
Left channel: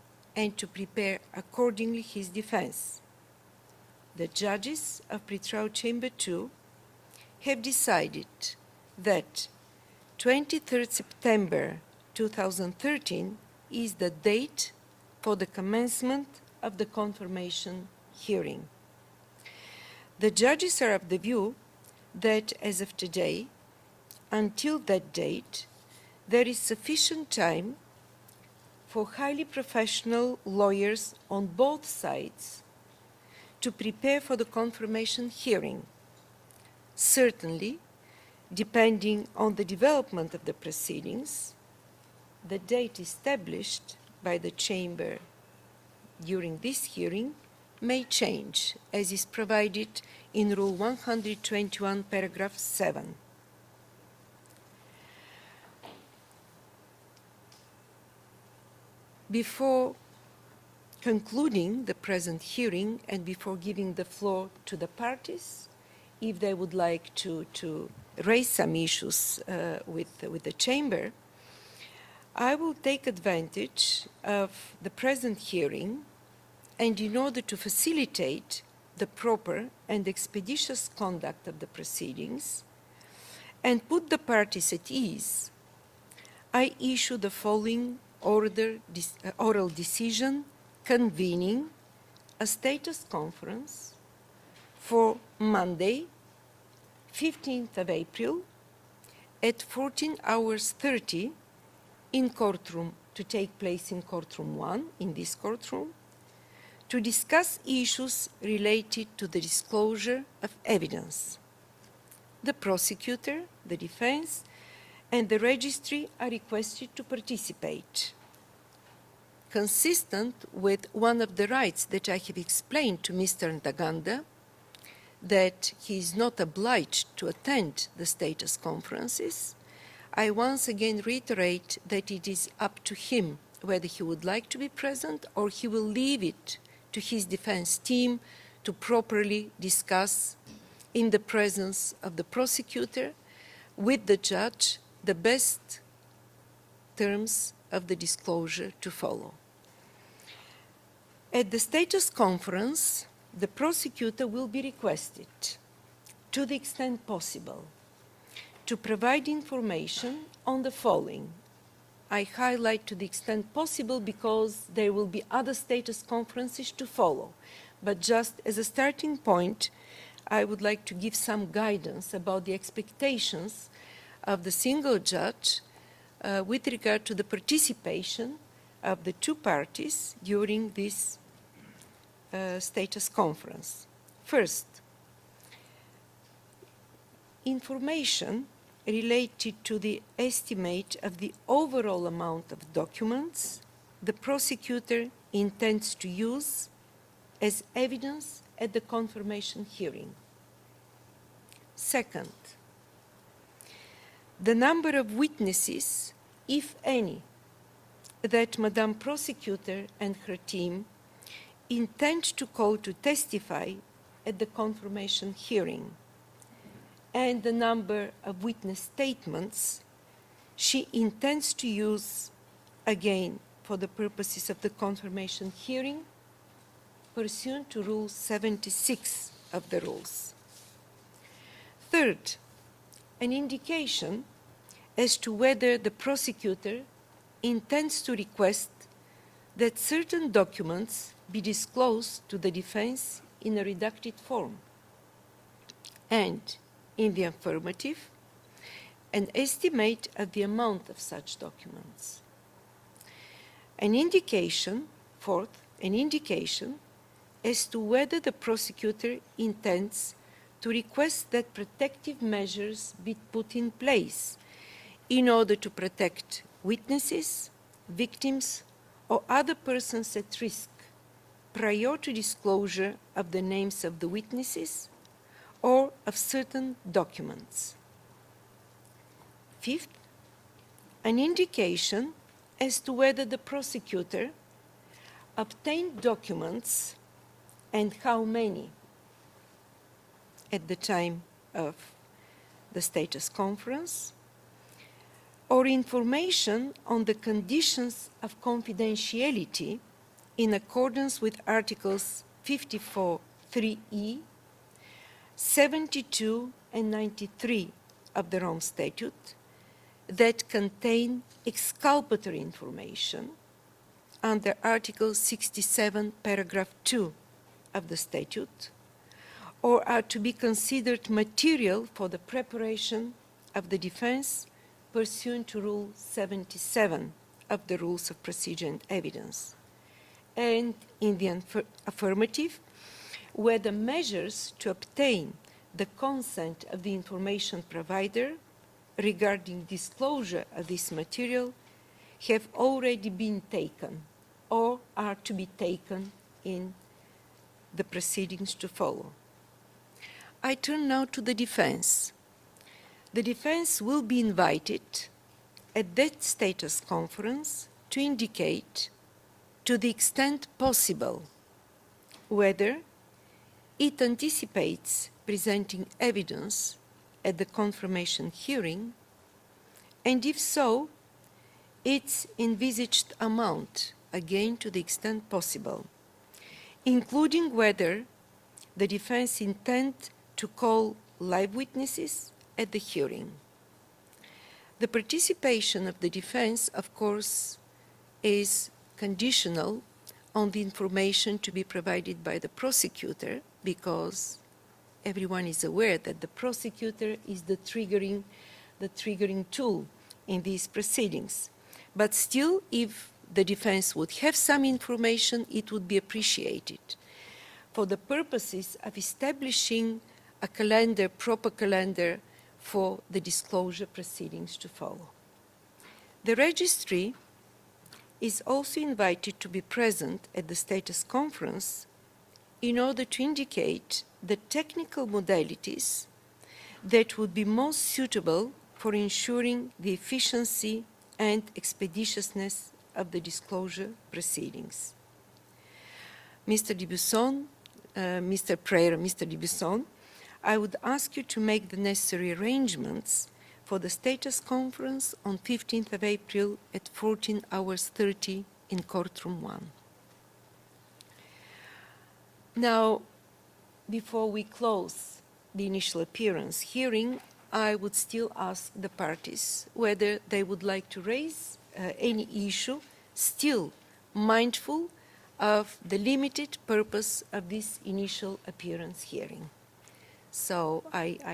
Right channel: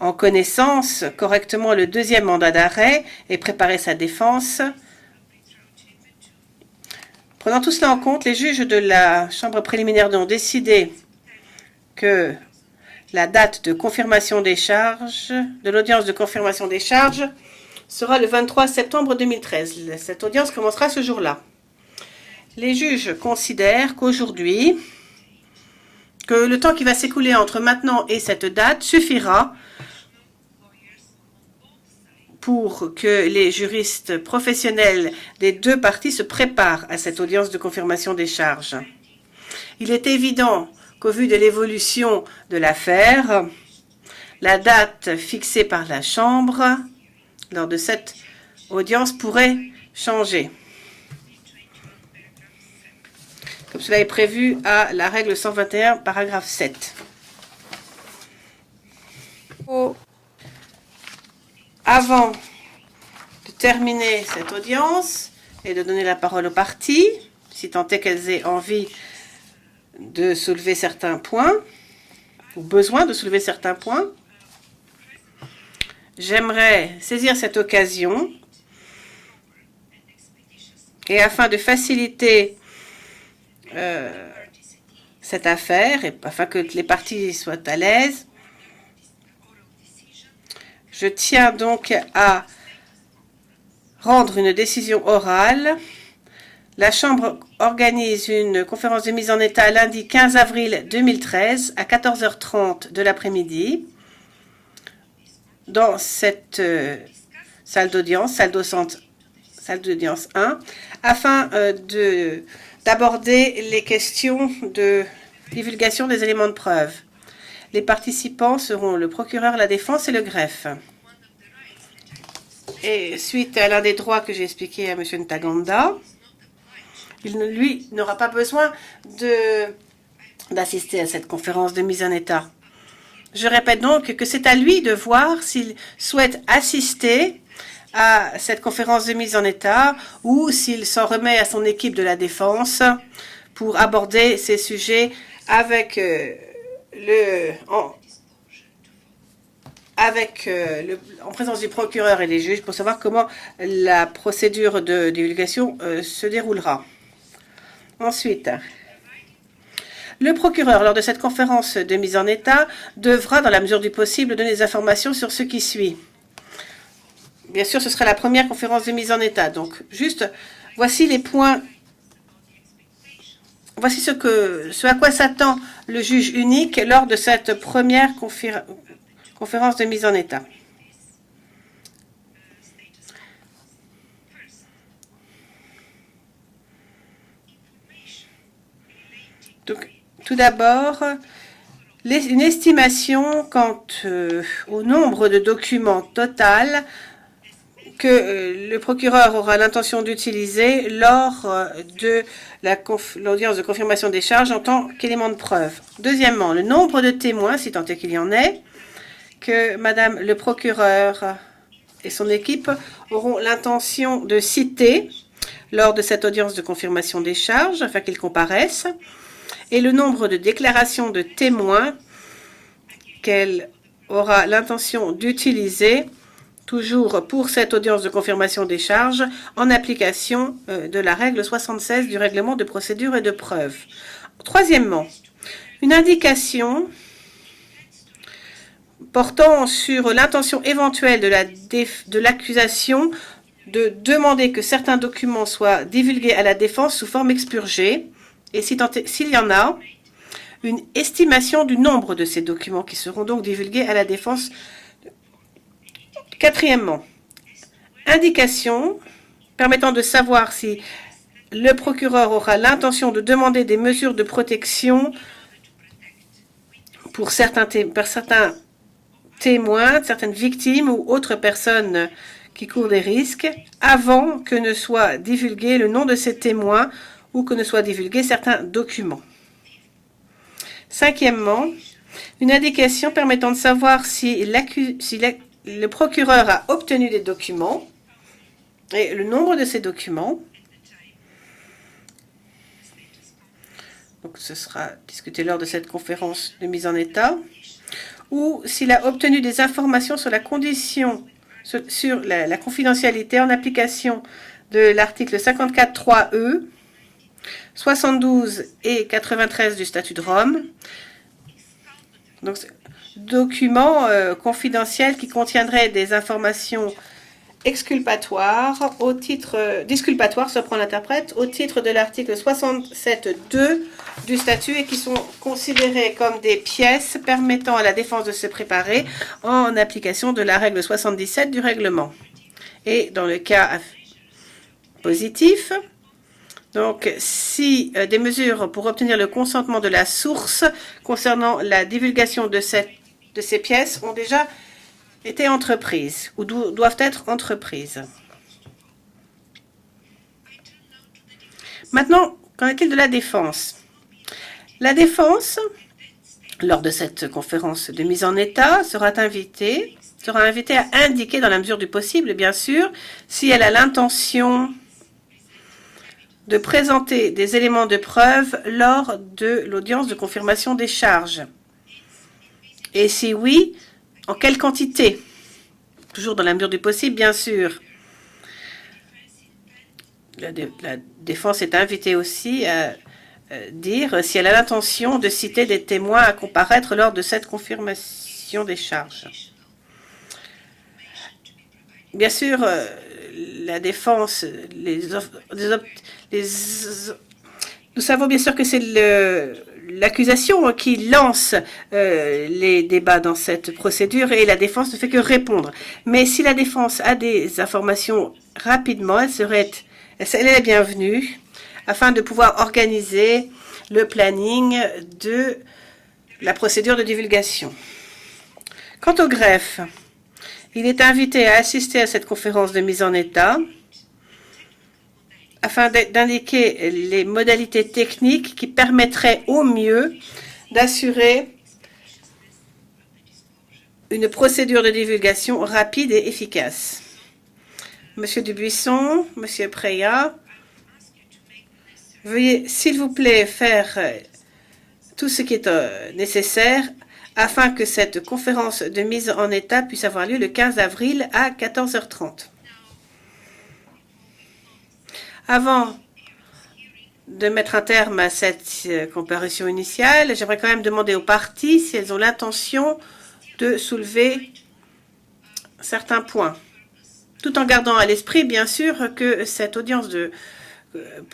en connaissance correctement le deuxième mandat d'arrêt et préparer sa défense. Prenant tout cela en compte, les juges de la Chambre préliminaire ont décidé que la date de confirmation des charges, de l'audience de confirmation des charges, sera le 23 septembre 2013. Cette audience commencera ce jour-là. Les juges considèrent qu'aujourd'hui, que le temps qui va s'écouler entre maintenant et cette date suffira pour que les juristes professionnels des deux parties se préparent à cette audience de confirmation des charges. Il est évident qu'au vu de l'évolution de l'affaire, la date fixée par la Chambre lors de cette audience pourrait changer, comme cela est prévu à la règle 121, paragraphe 7. Avant de terminer cette audience et de donner la parole aux parties, si tant est qu'elles aient envie de soulever certains points, ou besoin de soulever certains points, j'aimerais saisir cette occasion et afin de faciliter cette affaire et afin que les parties soient à l'aise, je tiens donc à rendre une décision orale. La Chambre organise une conférence de mise en état lundi 15 avril 2013 à 14h30 de l'après-midi dans cette salle d'audience, salle d'audience 1, afin d'aborder les questions de divulgation des éléments de preuve. Les participants seront le procureur, la défense et le greffe. Et suite à l'un des droits que j'ai expliqué à M. Ntaganda, lui n'aura pas besoin d'assister à cette conférence de mise en état. Je répète donc que c'est à lui de voir s'il souhaite assister à cette conférence de mise en état ou s'il s'en remet à son équipe de la défense pour aborder ces sujets avec en présence du procureur et des juges pour savoir comment la procédure de divulgation se déroulera. Ensuite, le procureur, lors de cette conférence de mise en état, devra, dans la mesure du possible, donner des informations sur ce qui suit. Bien sûr, ce sera la première conférence de mise en état. Donc, juste, voici les points. Voici ce à quoi s'attend le juge unique lors de cette première conférence de mise en état. Tout d'abord, une estimation quant au nombre de documents total que le procureur aura l'intention d'utiliser lors de l'audience de confirmation des charges en tant qu'élément de preuve. Deuxièmement, le nombre de témoins, si tant est qu'il y en ait, que Madame le procureur et son équipe auront l'intention de citer lors de cette audience de confirmation des charges afin qu'ils comparaissent, et le nombre de déclarations de témoins qu'elle aura l'intention d'utiliser toujours pour cette audience de confirmation des charges en application de la règle 76 du règlement de procédure et de preuve. Troisièmement, une indication portant sur l'intention éventuelle de l'accusation de demander que certains documents soient divulgués à la défense sous forme expurgée, et s'il y en a, une estimation du nombre de ces documents qui seront donc divulgués à la défense. Quatrièmement, indication permettant de savoir si le procureur aura l'intention de demander des mesures de protection pour certains témoins, certaines victimes ou autres personnes qui courent des risques avant que ne soit divulgué le nom de ces témoins ou que ne soient divulgués certains documents. Cinquièmement, une indication permettant de savoir si le procureur a obtenu des documents et le nombre de ces documents Donc ce sera discuté lors de cette conférence de mise en état, ou s'il a obtenu des informations sur la condition, sur la confidentialité en application de l'article 54.3e, 72 et 93 du statut de Rome. Donc, documents confidentiels qui contiendraient des informations exculpatoires au titre disculpatoires, se prend l'interprète, au titre de l'article 67.2 du statut et qui sont considérés comme des pièces permettant à la défense de se préparer en application de la règle 77 du règlement. Et dans le cas positif, donc si des mesures pour obtenir le consentement de la source concernant la divulgation de ces pièces ont déjà été entreprises ou doivent être entreprises. Maintenant, qu'en est-il de la défense? La défense, lors de cette conférence de mise en état, sera invitée à indiquer, dans la mesure du possible, bien sûr, si elle a l'intention de présenter des éléments de preuve lors de l'audience de confirmation des charges. Et si oui, en quelle quantité? Toujours dans la mesure du possible, bien sûr. La défense est invitée aussi à dire si elle a l'intention de citer des témoins à comparaître lors de cette confirmation des charges. Bien sûr, la défense, nous savons bien sûr que c'est l'accusation qui lance les débats dans cette procédure et la défense ne fait que répondre. Mais si la défense a des informations rapidement, elle est la bienvenue afin de pouvoir organiser le planning de la procédure de divulgation. Quant au greffe, il est invité à assister à cette conférence de mise en état afin d'indiquer les modalités techniques qui permettraient au mieux d'assurer une procédure de divulgation rapide et efficace. Monsieur Dubuisson, Monsieur Preya, veuillez s'il vous plaît faire tout ce qui est nécessaire afin que cette conférence de mise en état puisse avoir lieu le 15 avril à 14h30. Avant de mettre un terme à cette comparution initiale, j'aimerais quand même demander aux parties si elles ont l'intention de soulever certains points, tout en gardant à l'esprit, bien sûr, que cette audience de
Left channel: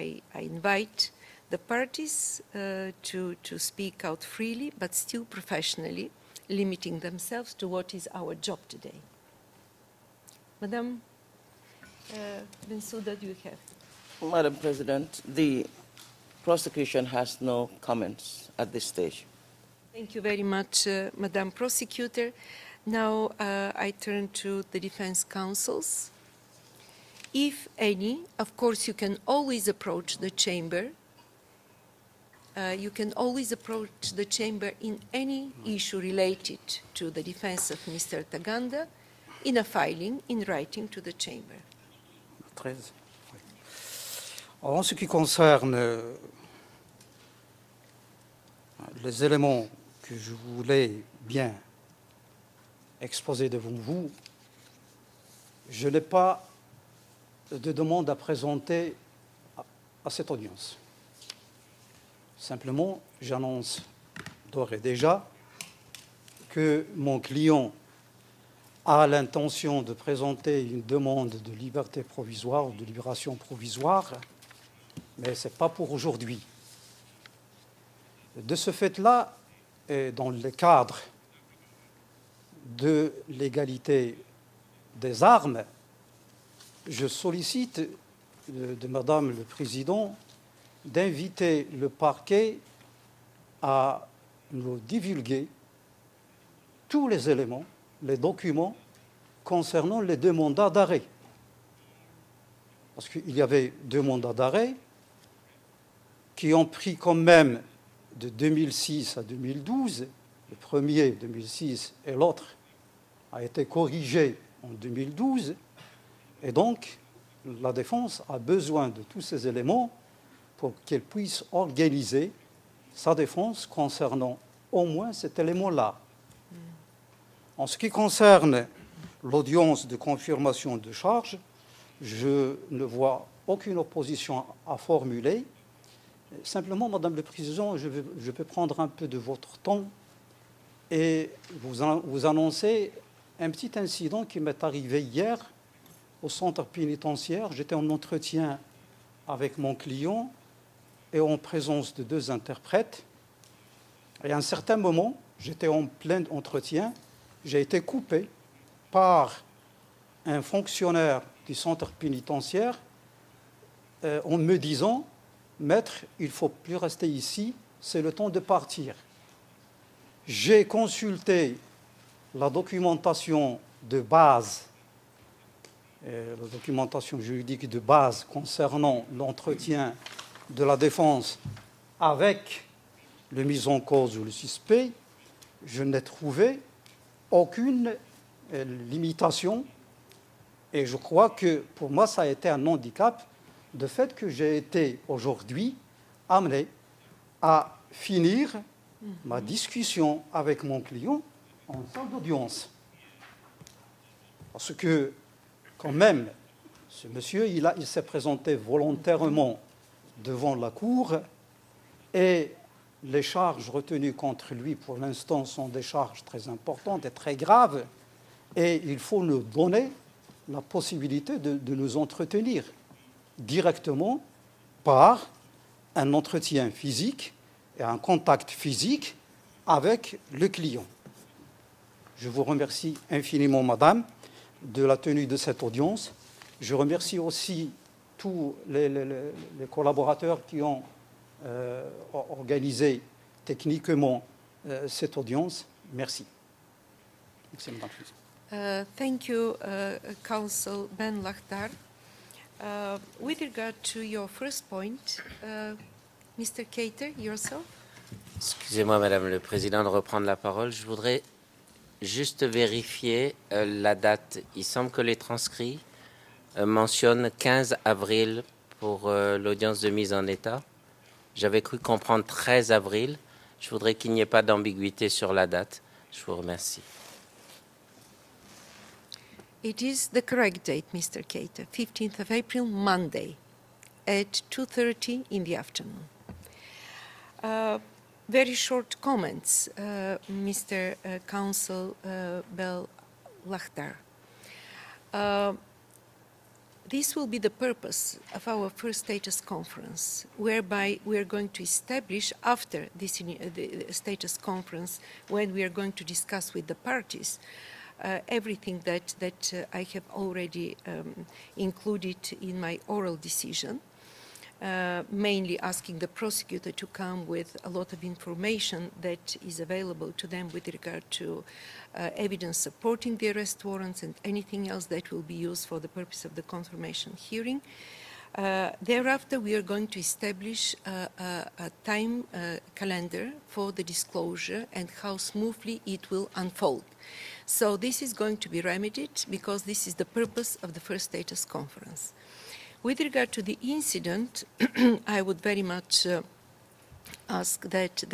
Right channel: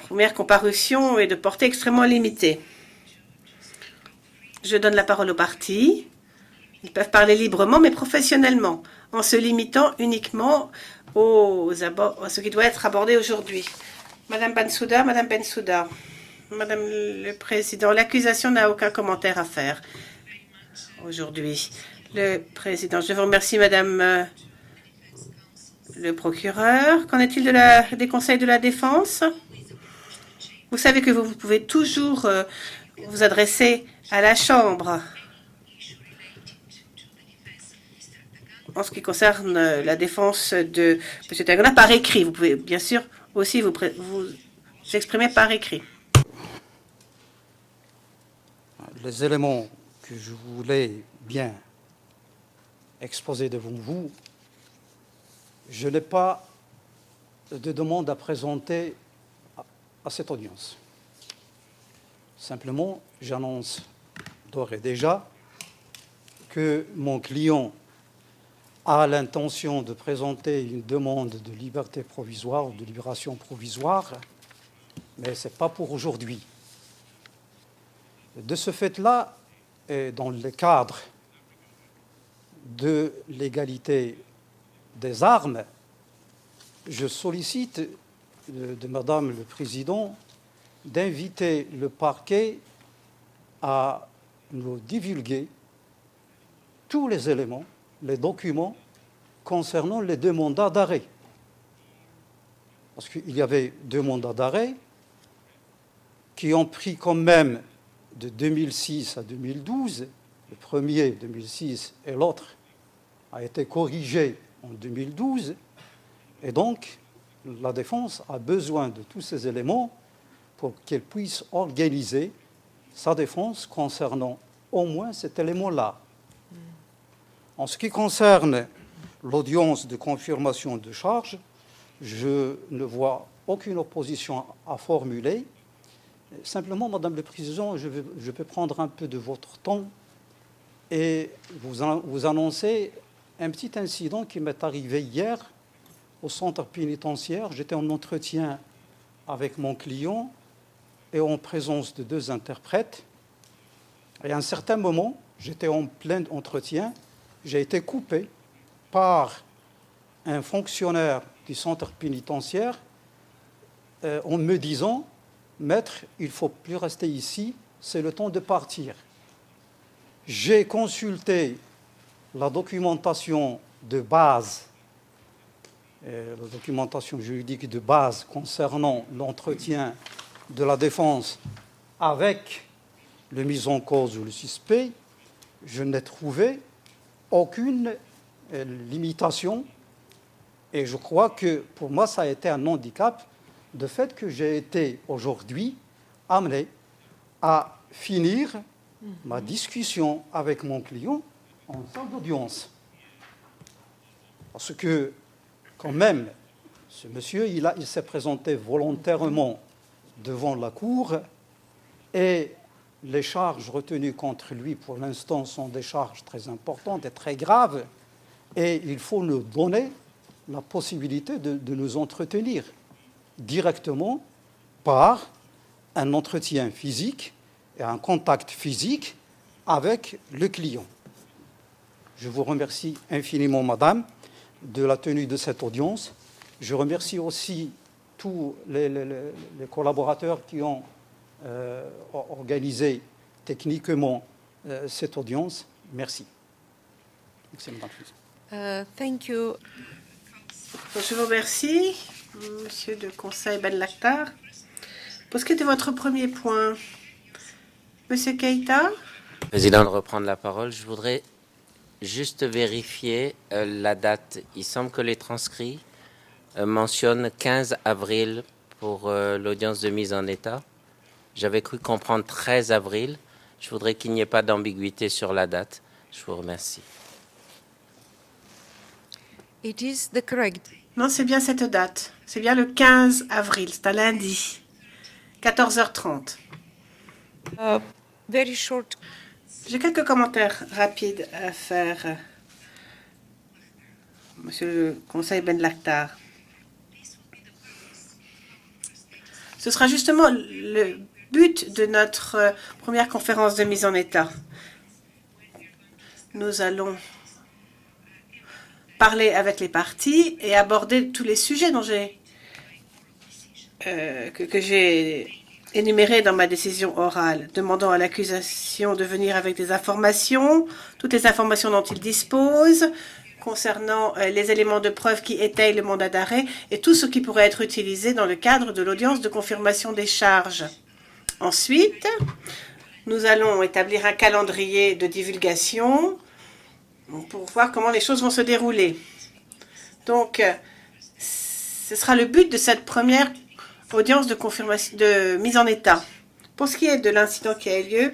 première comparution est de portée extrêmement limitée. Je donne la parole aux parties. Ils peuvent parler librement, mais professionnellement, en se limitant uniquement à ce qui doit être abordé aujourd'hui. Madame Bensouda, Madame Bensouda. Madame le Président, l'accusation n'a aucun commentaire à faire aujourd'hui. Le Président, je vous remercie, Madame le procureur. Qu'en est-il des conseils de la défense? Vous savez que vous pouvez toujours vous adresser à la Chambre. En ce qui concerne la défense de M. Taganda, par écrit, vous pouvez bien sûr aussi vous exprimer par écrit. Les éléments que je voulais bien exposer devant vous, je n'ai pas de demande à présenter à cette audience. Simplement, j'annonce d'ores et déjà que mon client a l'intention de présenter une demande de liberté provisoire ou de libération provisoire, mais ce n'est pas pour aujourd'hui. De ce fait-là, et dans le cadre de l'égalité des armes, je sollicite de Madame le Président d'inviter le parquet à nous divulguer tous les éléments, les documents concernant les deux mandats d'arrêt. Parce qu'il y avait deux mandats d'arrêt qui ont pris quand même de 2006 à 2012, le premier 2006 et l'autre a été corrigé en 2012, et donc la défense a besoin de tous ces éléments pour qu'elle puisse organiser sa défense concernant au moins cet élément-là. En ce qui concerne l'audience de confirmation de charge, je ne vois aucune opposition à formuler. Simplement, Madame le Président, je peux prendre un peu de votre temps et vous annoncer un petit incident qui m'est arrivé hier au centre pénitentiaire. J'étais en entretien avec mon client et en présence de 2 interprètes. Et à un certain moment, j'étais en plein entretien, j'ai été coupé par un fonctionnaire du centre pénitentiaire en me disant « Maître, il ne faut plus rester ici, c'est le temps de partir ». J'ai consulté la documentation de base, la documentation juridique de base concernant l'entretien de la défense avec le mis en cause ou le suspect. Je n'ai trouvé aucune limitation et je crois que pour moi ça a été un handicap de fait que j'ai été aujourd'hui amené à finir ma discussion avec mon client en salle d'audience. Parce que, quand même, ce monsieur, il s'est présenté volontairement devant la cour et les charges retenues contre lui, pour l'instant, sont des charges très importantes et très graves et il faut nous donner la possibilité de nous entretenir directement par un entretien physique et un contact physique avec le client. Je vous remercie infiniment, Madame, de la tenue de cette audience. Je remercie aussi tous les collaborateurs qui ont organisé techniquement cette audience. Merci. Merci, Madame. Thank you, Council. Je vous remercie, Monsieur le Conseil Ben Lakhtar. Pour ce qui est de votre premier point, Monsieur Keita. Excusez-moi, Madame le Président, de reprendre la parole. Je voudrais juste vérifier la date. Il semble que les transcrits mentionnent 15 avril pour l'audience de mise en état. J'avais cru comprendre 13 avril. Je voudrais qu'il n'y ait pas d'ambiguïté sur la date. Je vous remercie. Non, c'est bien cette date. C'est bien le 15 avril. C'est un lundi, 14h30. J'ai quelques commentaires rapides à faire, Monsieur le Conseil Ben Lakhtar. Ce sera justement le but de notre première conférence de mise en état. Nous allons parler avec les parties et aborder tous les sujets dont que j'ai énumérés dans ma décision orale, demandant à l'accusation de venir avec des informations, toutes les informations dont il dispose, concernant les éléments de preuve qui étayent le mandat d'arrêt et tout ce qui pourrait être utilisé dans le cadre de l'audience de confirmation des charges. Ensuite, nous allons établir un calendrier de divulgation pour voir comment les choses vont se dérouler. Donc, ce sera le but de cette première audience de confirmation de mise en état. Pour ce qui est de l'incident qui a eu lieu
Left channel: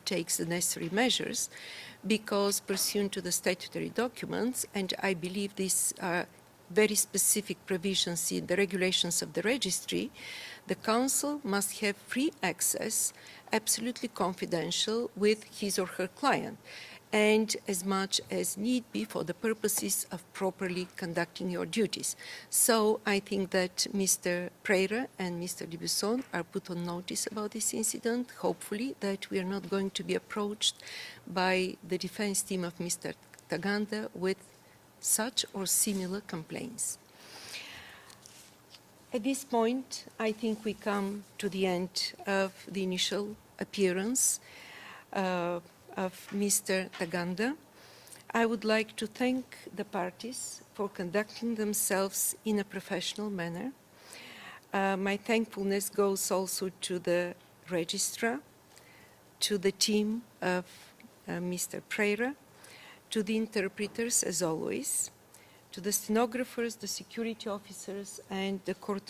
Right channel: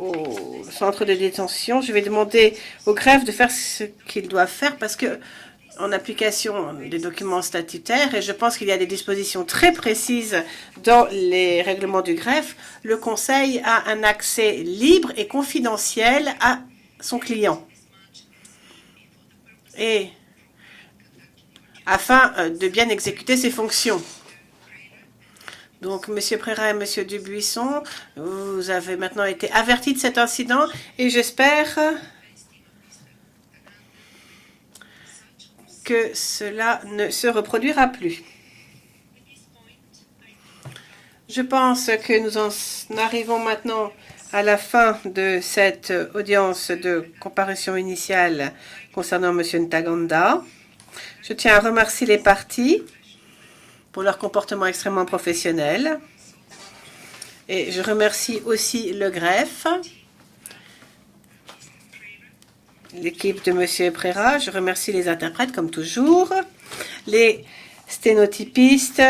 au centre de détention, je vais demander au greffe de faire ce qu'il doit faire parce que, en application des documents statutaires, et je pense qu'il y a des dispositions très précises dans les règlements du greffe, le Conseil a un accès libre et confidentiel à son client, et afin de bien exécuter ses fonctions. Donc, M. Prera et M. Dubuisson, vous avez maintenant été avertis de cet incident et j'espère que cela ne se reproduira plus. Je pense que nous en arrivons maintenant à la fin de cette audience de comparution initiale concernant M. Ntaganda. Je tiens à remercier les parties pour leur comportement extrêmement professionnel et je remercie aussi le greffe, l'équipe de M. Prera. Je remercie les interprètes comme toujours, les sténotypistes,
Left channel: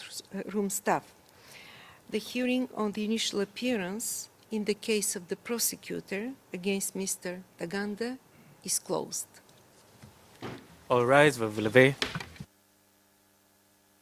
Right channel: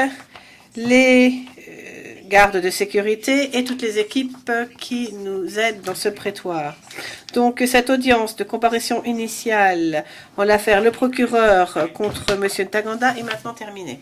les gardes de sécurité et toutes les équipes qui nous aident dans ce prétoire. Donc, cette audience de comparution initiale en l'affaire Le Procureur contre M. Ntaganda est maintenant terminée.